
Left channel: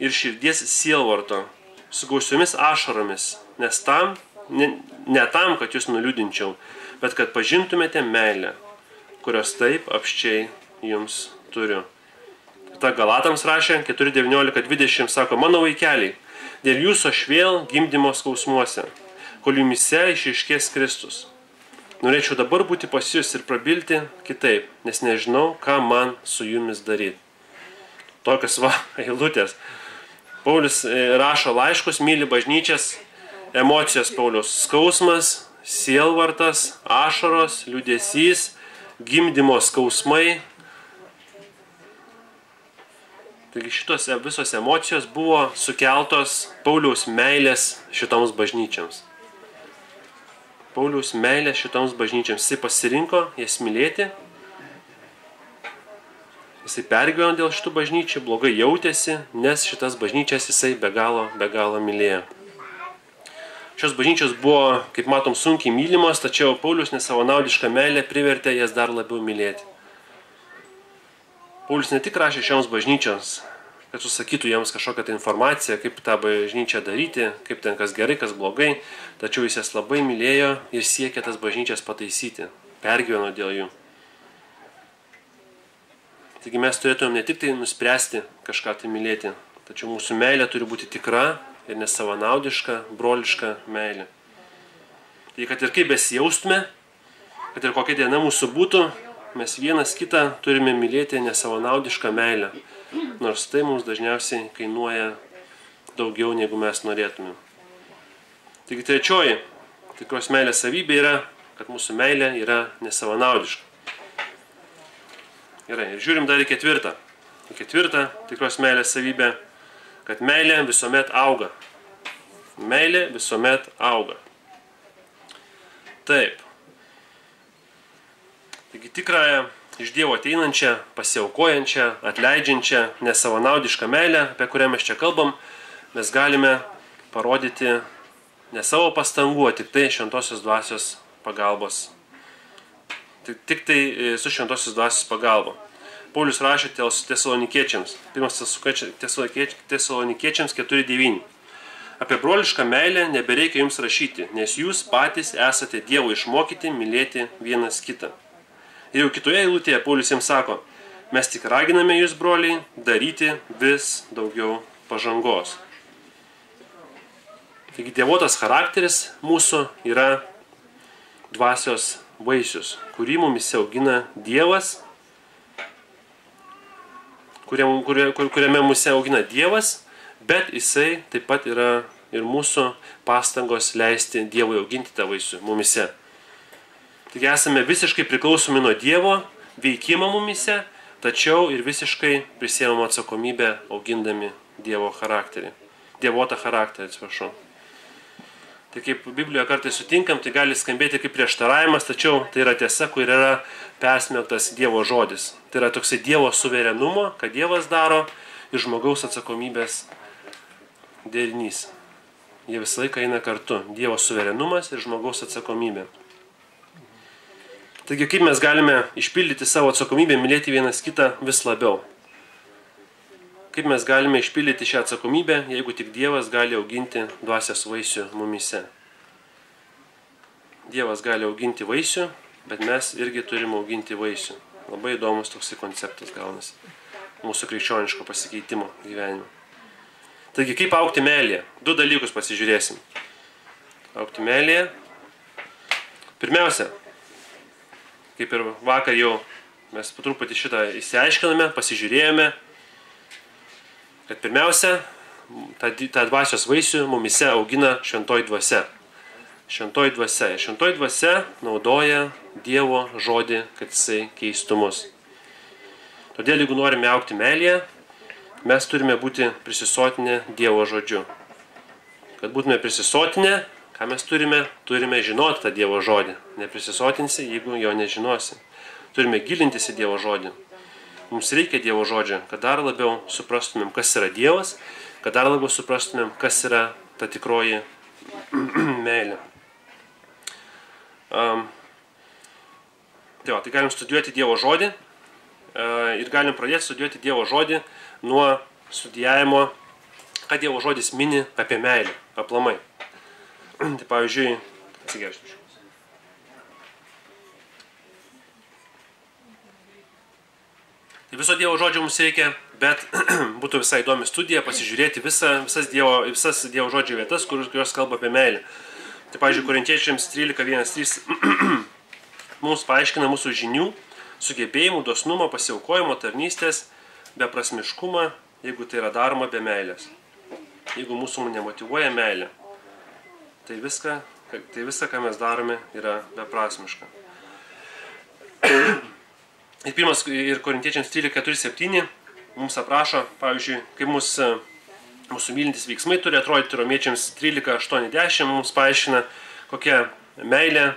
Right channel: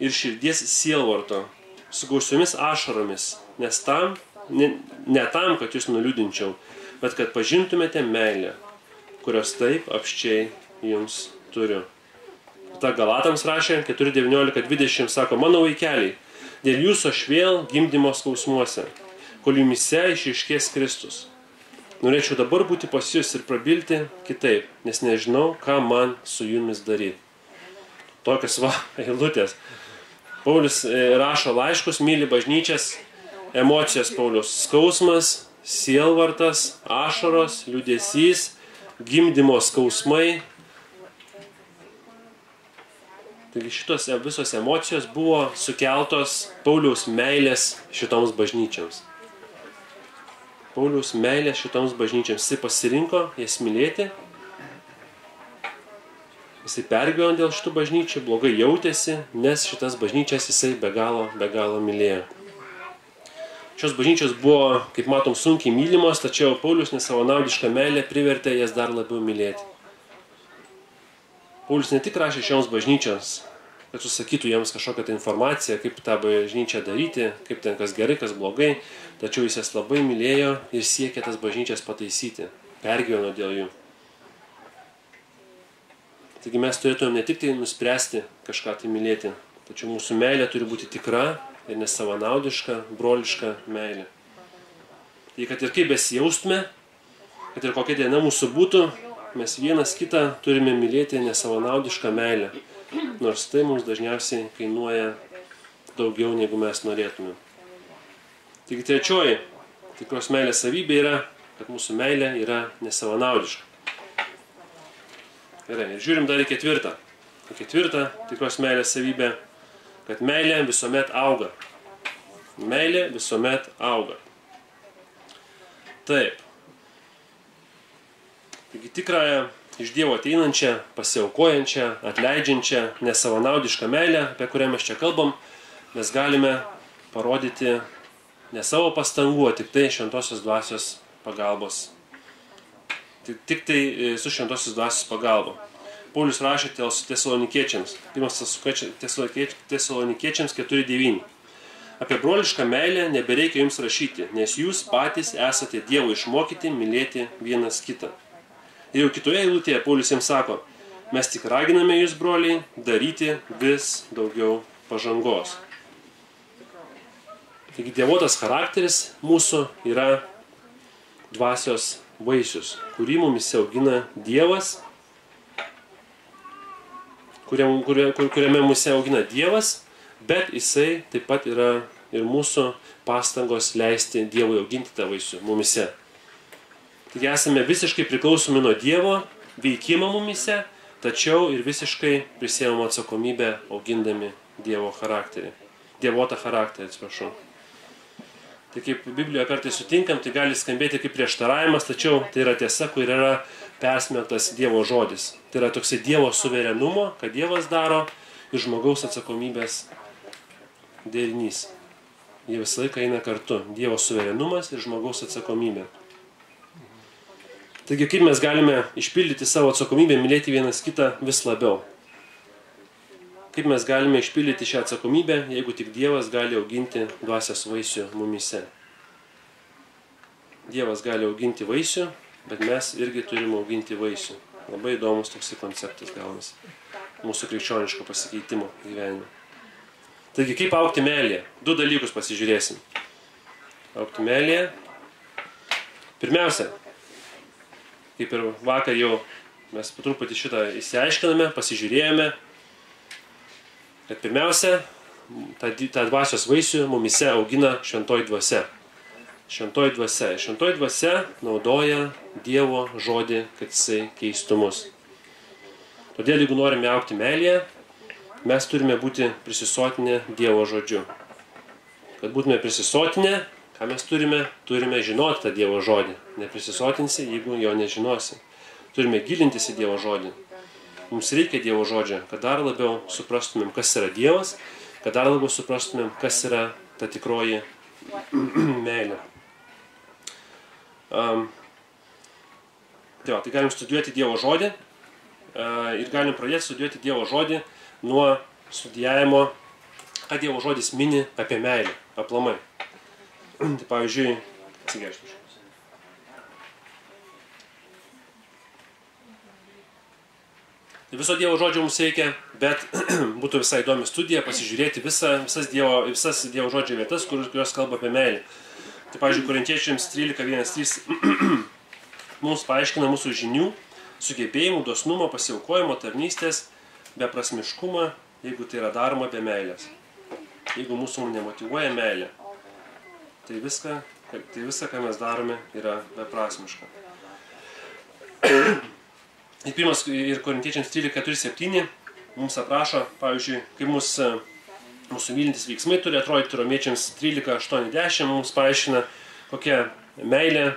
ir širdies sielvarto, su gausiomis ašaromis, nes ne tam, kad jūs nuliūdinčiau, bet kad pažintumėte meilę, kurios taip apsčiai jums turiu. Ta Galatams rašė 4:19-20, sako, mano vaikeliai, dėl jūsų aš vėl gimdymo skausmuose, kol jumise išryškės Kristus. Norėčiau dabar būti pas jūs ir prabilti kitaip, nes nežinau, ką man su jumis daryti. Tokios eilutės. Paulius rašo laiškus, myli bažnyčias, emocijos Paulius. Skausmas, sielvartas, ašaros, liūdesys, gimdymo skausmai. Taigi šitos visos emocijos buvo sukeltos Pauliaus meilės šitoms bažnyčiams. Pauliaus meilė šitoms bažnyčiams. Jisai pasirinko jas mylėti. Jisai pergyveno dėl šitų bažnyčių, blogai jautėsi, nes šitas bažnyčias jisai be galo mylėjo. Šios bažnyčios buvo, kaip matom, sunkiai mylimos, tačiau Paulius nesavanaudišką meilę privertė jas dar labiau mylėti. Paulius ne tik rašė šioms bažnyčioms, kad susakytų jiems kažkokią tą informaciją, kaip tą bažnyčią daryti, kaip ten kas gerai, kas blogai, tačiau jis jas labai mylėjo ir siekė tas bažnyčias pataisyti, pergyveno dėl jų. Taigi mes turėtume ne tik tai nuspręsti kažką tai mylėti, tačiau mūsų meilė turi būti tikra ir nesavanaudiška, broliška meilė. Tai kad ir kaip besijaustume, kad ir kokia diena mūsų būtų, mes vienas kitą turime mylėti nesavanaudišką meilę. Nors tai mums dažniausiai kainuoja daugiau, negu mes norėtume. Taigi trečioji tikros meilės savybė yra, kad mūsų meilė yra nesavanaudiška. Gerai, ir žiūrim dar į ketvirtą. Ketvirtą tikros meilės savybė, kad meilė visuomet auga. Meilė visuomet auga. Taip. Taigi tikrąją iš Dievo ateinančią, pasiaukojančią, atleidžiančią, nesavanaudišką meilę, apie kurią mes čia kalbam, mes galime parodyti ne savo pastangų, o tik tai šventosios dvasios pagalbos. Tik tai su šventosios dvasios pagalba. Paulius rašė Tesalonikiečiams, 1 Tesalonikiečiams 4:9. Apie brolišką meilę nebereikia jums rašyti, nes jūs patys esate Dievo išmokyti mylėti vienas kitą. Ir jau kitoje eilutėje Paulius jiems sako, mes tik raginame jūs, broliai, daryti vis daugiau pažangos. Taigi dievotas charakteris mūsų yra dvasios vaisius, kurį mumise augina Dievas, kuriame mumise augina Dievas, bet jisai taip pat yra ir mūsų pastangos leisti Dievui auginti tą vaisių mumise. Taigi esame visiškai priklausomi nuo Dievo veikimo mumise, tačiau ir visiškai prisiėmame atsakomybę augindami Dievo charakterį. Dievotą charakterį, atsiprašau. Tai kaip Biblijoje kartais sutinkam, tai gali skambėti kaip prieštaravimas, tačiau tai yra tiesa, kur yra persmelktas Dievo žodis. Tai yra toksai Dievo suverenumo, kad Dievas daro ir žmogaus atsakomybės derinys. Jie visą laiką eina kartu. Dievo suverenumas ir žmogaus atsakomybė. Taigi kaip mes galime išpildyti savo atsakomybę, mylėti vienas kitą vis labiau? Kaip mes galime išpildyti šią atsakomybę, jeigu tik Dievas gali auginti dvasios vaisių mumise? Dievas gali auginti vaisių, bet mes irgi turime auginti vaisių. Labai įdomus toksai konceptas gaunasi. Mūsų krikščioniško pasikeitimo gyvenime. Taigi kaip augti meilėje? Du dalykus pasižiūrėsim. Augti meilėje. Pirmiausia, kaip ir vakar jau mes po truputį šitą išsiaiškiname, pasižiūrėjome, kad pirmiausia, tą dvasios vaisių mumise augina šventoji dvasia. Šventoji dvasia. Šventoji dvasia naudoja Dievo žodį, kad jisai keistų mus. Todėl, jeigu norime augti meilėje, mes turime būti prisisotinę Dievo žodžiu. Kad būtume prisisotinę, ką mes turime? Turime žinoti tą Dievo žodį. Neprisisotinsi, jeigu jo nežinosi. Turime gilintis į Dievo žodį. Mums reikia Dievo žodžio, kad dar labiau suprastumėm, kas yra Dievas, kad dar labiau suprastumėm, kas yra ta tikroji meilė. Tai galim studijuoti Dievo žodį ir galim pradėti studijuoti Dievo žodį nuo studijavimo, ką Dievo žodis mini apie meilę, aplamai. Tai pavyzdžiui, atsigerščiau. Viso Dievo žodžio mums reikia, bet būtų visai įdomi studija pasižiūrėti visas Dievo žodžio vietas, kurios kalba apie meilę. Tai, pavyzdžiui, Korintiečiams 13:1-3 mums paaiškina mūsų žinių, sugebėjimų, dosnumo, pasiaukojimo, tarnystės, beprasmiškumą, jeigu tai yra daroma be meilės. Jeigu mūsų nemotyvuoja meilė, tai viską, ką mes darome, yra beprasmiška. Ir Korintiečiams 13:4-7 mums aprašo, pavyzdžiui, kaip mūsų mylintis veiksmai turi atrodyti. Romiečiams 13:8-10 mums paaiškina, kokia meilė,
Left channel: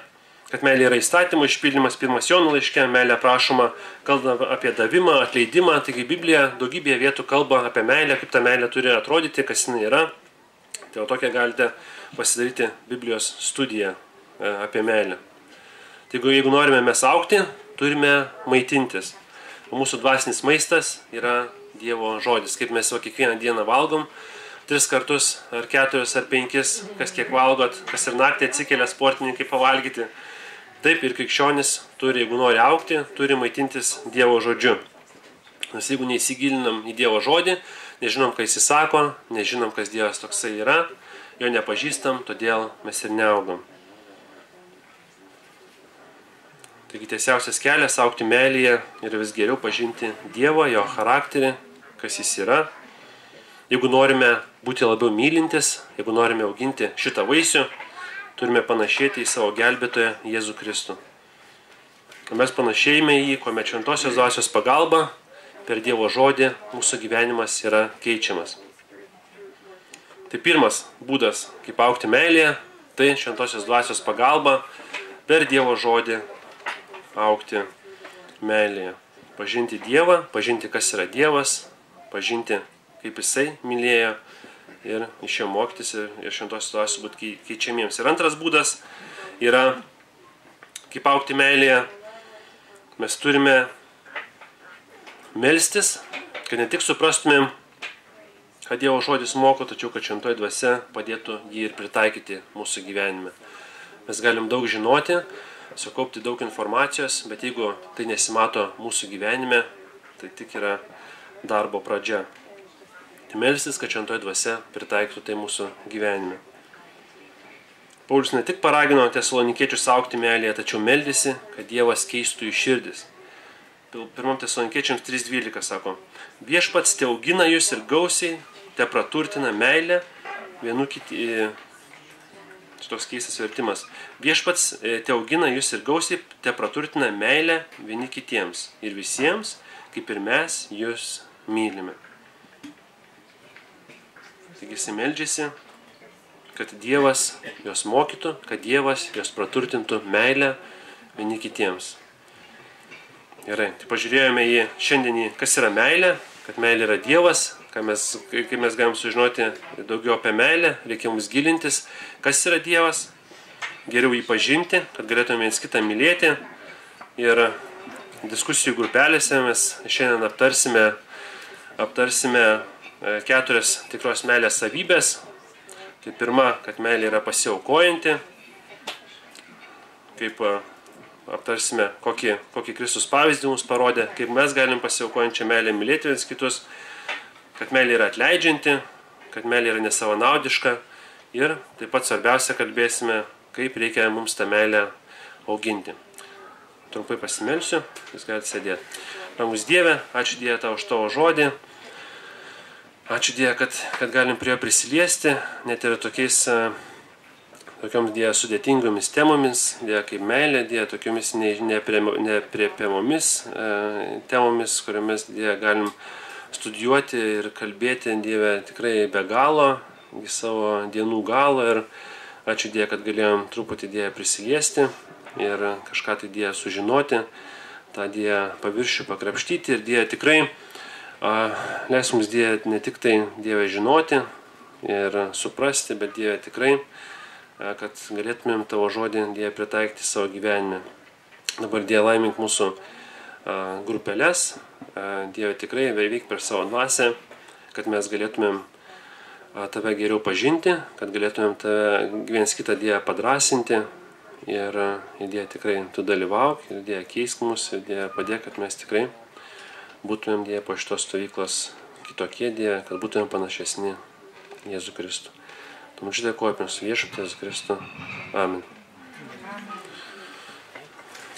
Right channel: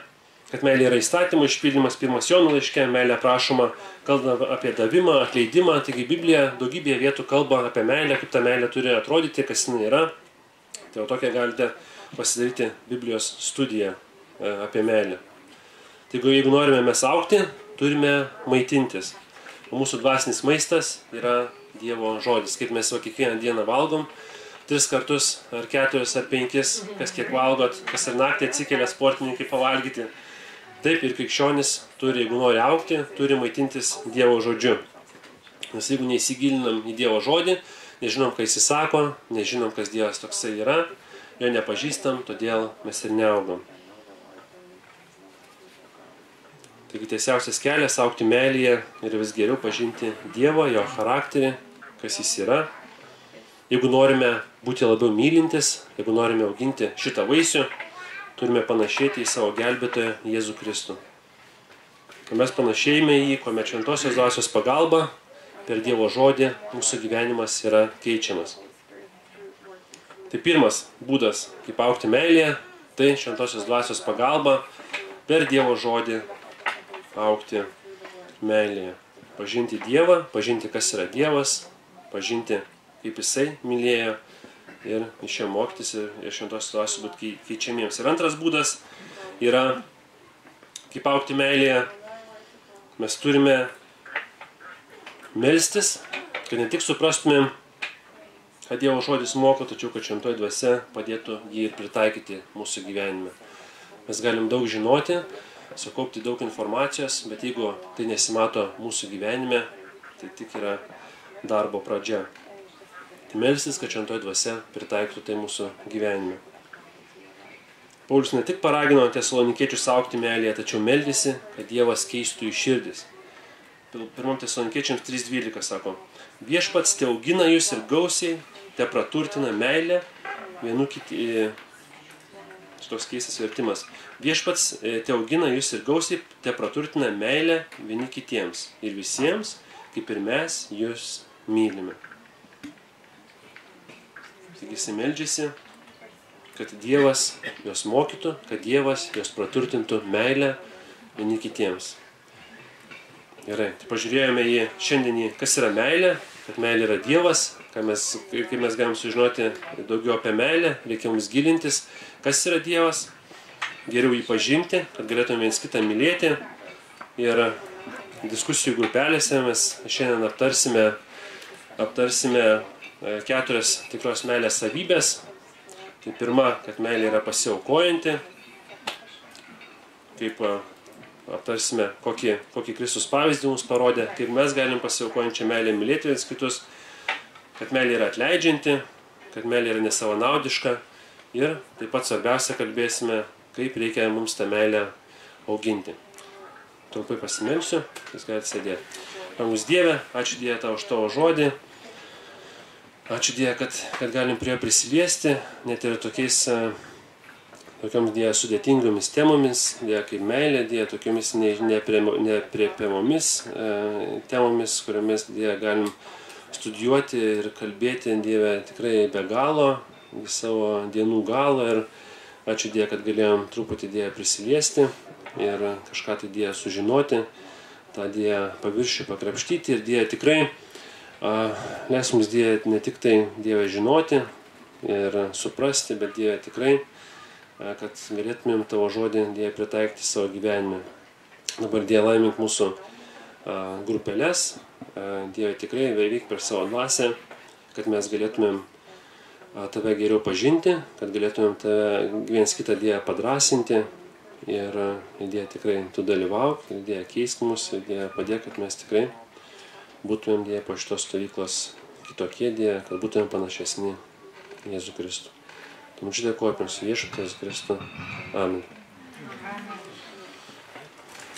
kad meilė yra įstatymo išpildymas. 1 Jono laiške meilė aprašoma, kalba apie davimą, atleidimą. Taigi Biblija daugybėje vietų kalba apie meilę, kaip ta meilė turi atrodyti, kas jinai yra. Tai tokia galite pasidaryti Biblijos studiją apie meilę. Taigi, jeigu norime mes augti, turime maitintis. O mūsų dvasinis maistas yra Dievo žodis. Kaip mes kiekvieną dieną valgom, 3 kartus, ar 4, ar 5, kas kiek valgot, kas ir naktį atsikelia sportininkai pavalgyti. Taip ir krikščionis turi, jeigu nori augti, turi maitintis Dievo žodžiu. Nes jeigu neįsigilinam į Dievo žodį, nežinom, ką jis sako, nežinom, kas Dievas toksai yra, jo nepažįstam, todėl mes ir neaugam. Taigi tiesiausias kelias augti meilėje ir vis geriau pažinti Dievą, jo charakterį, kas jis yra. Jeigu norime būti labiau mylintis, jeigu norime auginti šitą vaisių, turime panašėti į savo gelbėtoją Jėzų Kristų. Kai mes panašėjame į jį, kuomet šventosios dvasios pagalba, per Dievo žodį mūsų gyvenimas yra keičiamas. Tai pirmas būdas, kaip augti meilėje, tai šventosios dvasios pagalba per Dievo žodį augti meilėje. Pažinti Dievą, pažinti, kas yra Dievas, pažinti, kaip jisai mylėjo ir iš jo mokytis ir šventosios dvasios būti keičiamiems. Ir antras būdas yra, kaip augti meilėje, mes turime melstis, kad ne tik suprastumėm, kad Dievo žodis moko, tačiau kad šventoji dvasia padėtų jį ir pritaikyti mūsų gyvenime. Mes galim daug žinoti, sukaupti daug informacijos, bet jeigu tai nesimato mūsų gyvenime, tai tik yra darbo pradžia. Tai melstis, kad šventoji dvasia pritaiktų tai mūsų gyvenime. Paulius ne tik paragino tesalonikiečius augti meilėje, tačiau meldėsi, kad Dievas keistų jų širdis. 1 Tesalonikiečiams 3:12 sako: Viešpats te augina jūs ir gausiai, te praturtina meilę vienų kitiems. Toks keistas vertimas. Viešpats te augina jūs ir gausiai, te praturtina meilę vieni kitiems ir visiems, kaip ir mes jūs mylime. Taigi jis meldžiasi, kad Dievas jos mokytų, kad Dievas jos praturtintų meilę vieni kitiems. Gerai, tai pažiūrėjome į šiandienį, kas yra meilė, kad meilė yra Dievas, kaip mes galim sužinoti daugiau apie meilę, reikia mums gilintis, kas yra Dievas, geriau jį pažinti, kad galėtume viens kitą mylėti. Ir diskusijų grupelėse mes šiandien aptarsime 4 tikros meilės savybės. Tai pirma, kad meilė yra pasiaukojanti. Kaip aptarsime, kokį Kristus pavyzdį mums parodė, kaip mes galim pasiaukojančią meilę mylėti viens kitus, kad meilė yra atleidžianti, kad meilė yra nesavanaudiška ir taip pat svarbiausia kalbėsime, kaip reikia mums tą meilę auginti. Trumpai pasimelsiu, jūs galite sėdėti. Brangus Dieve, ačiū Dieve tau už tavo žodį. Ačiū Dieve, kad galim prie jo prisiliesti, net ir tokioms Dieve sudėtingomis temomis, Dieve kaip meilė, Dieve tokiomis nepriepiamomis temomis, kuriomis Dieve galim studijuoti ir kalbėti, Dieve, tikrai be galo, į savo dienų galo. Ir ačiū Dieve, kad galėjom truputį Dieve prisiliesti ir kažką tai Dieve sužinoti, tą Dieve paviršių pakrapštyti. Ir Dieve tikrai leis mums Dieve ne tik tai Dieve žinoti ir suprasti, bet Dieve tikrai, kad galėtumėm tavo žodį Dieve pritaikyti savo gyvenime. Dabar Dieve laimink mūsų grupelės, Dieve tikrai veik per savo dvasią, kad mes galėtumėm tave geriau pažinti, kad galėtumėm tave viens kitą Dieve padrąsinti ir Dieve tikrai tu dalyvauk, ir Dieve keisk mus, ir Dieve padėk, kad mes tikrai būtumėm Dieve po šitos stovyklos kitokie, Dieve, kad būtumėm panašesni Jėzų Kristų. Tu mums dėkoju apie mūsų viešpatį Jėzų Kristų. Amen.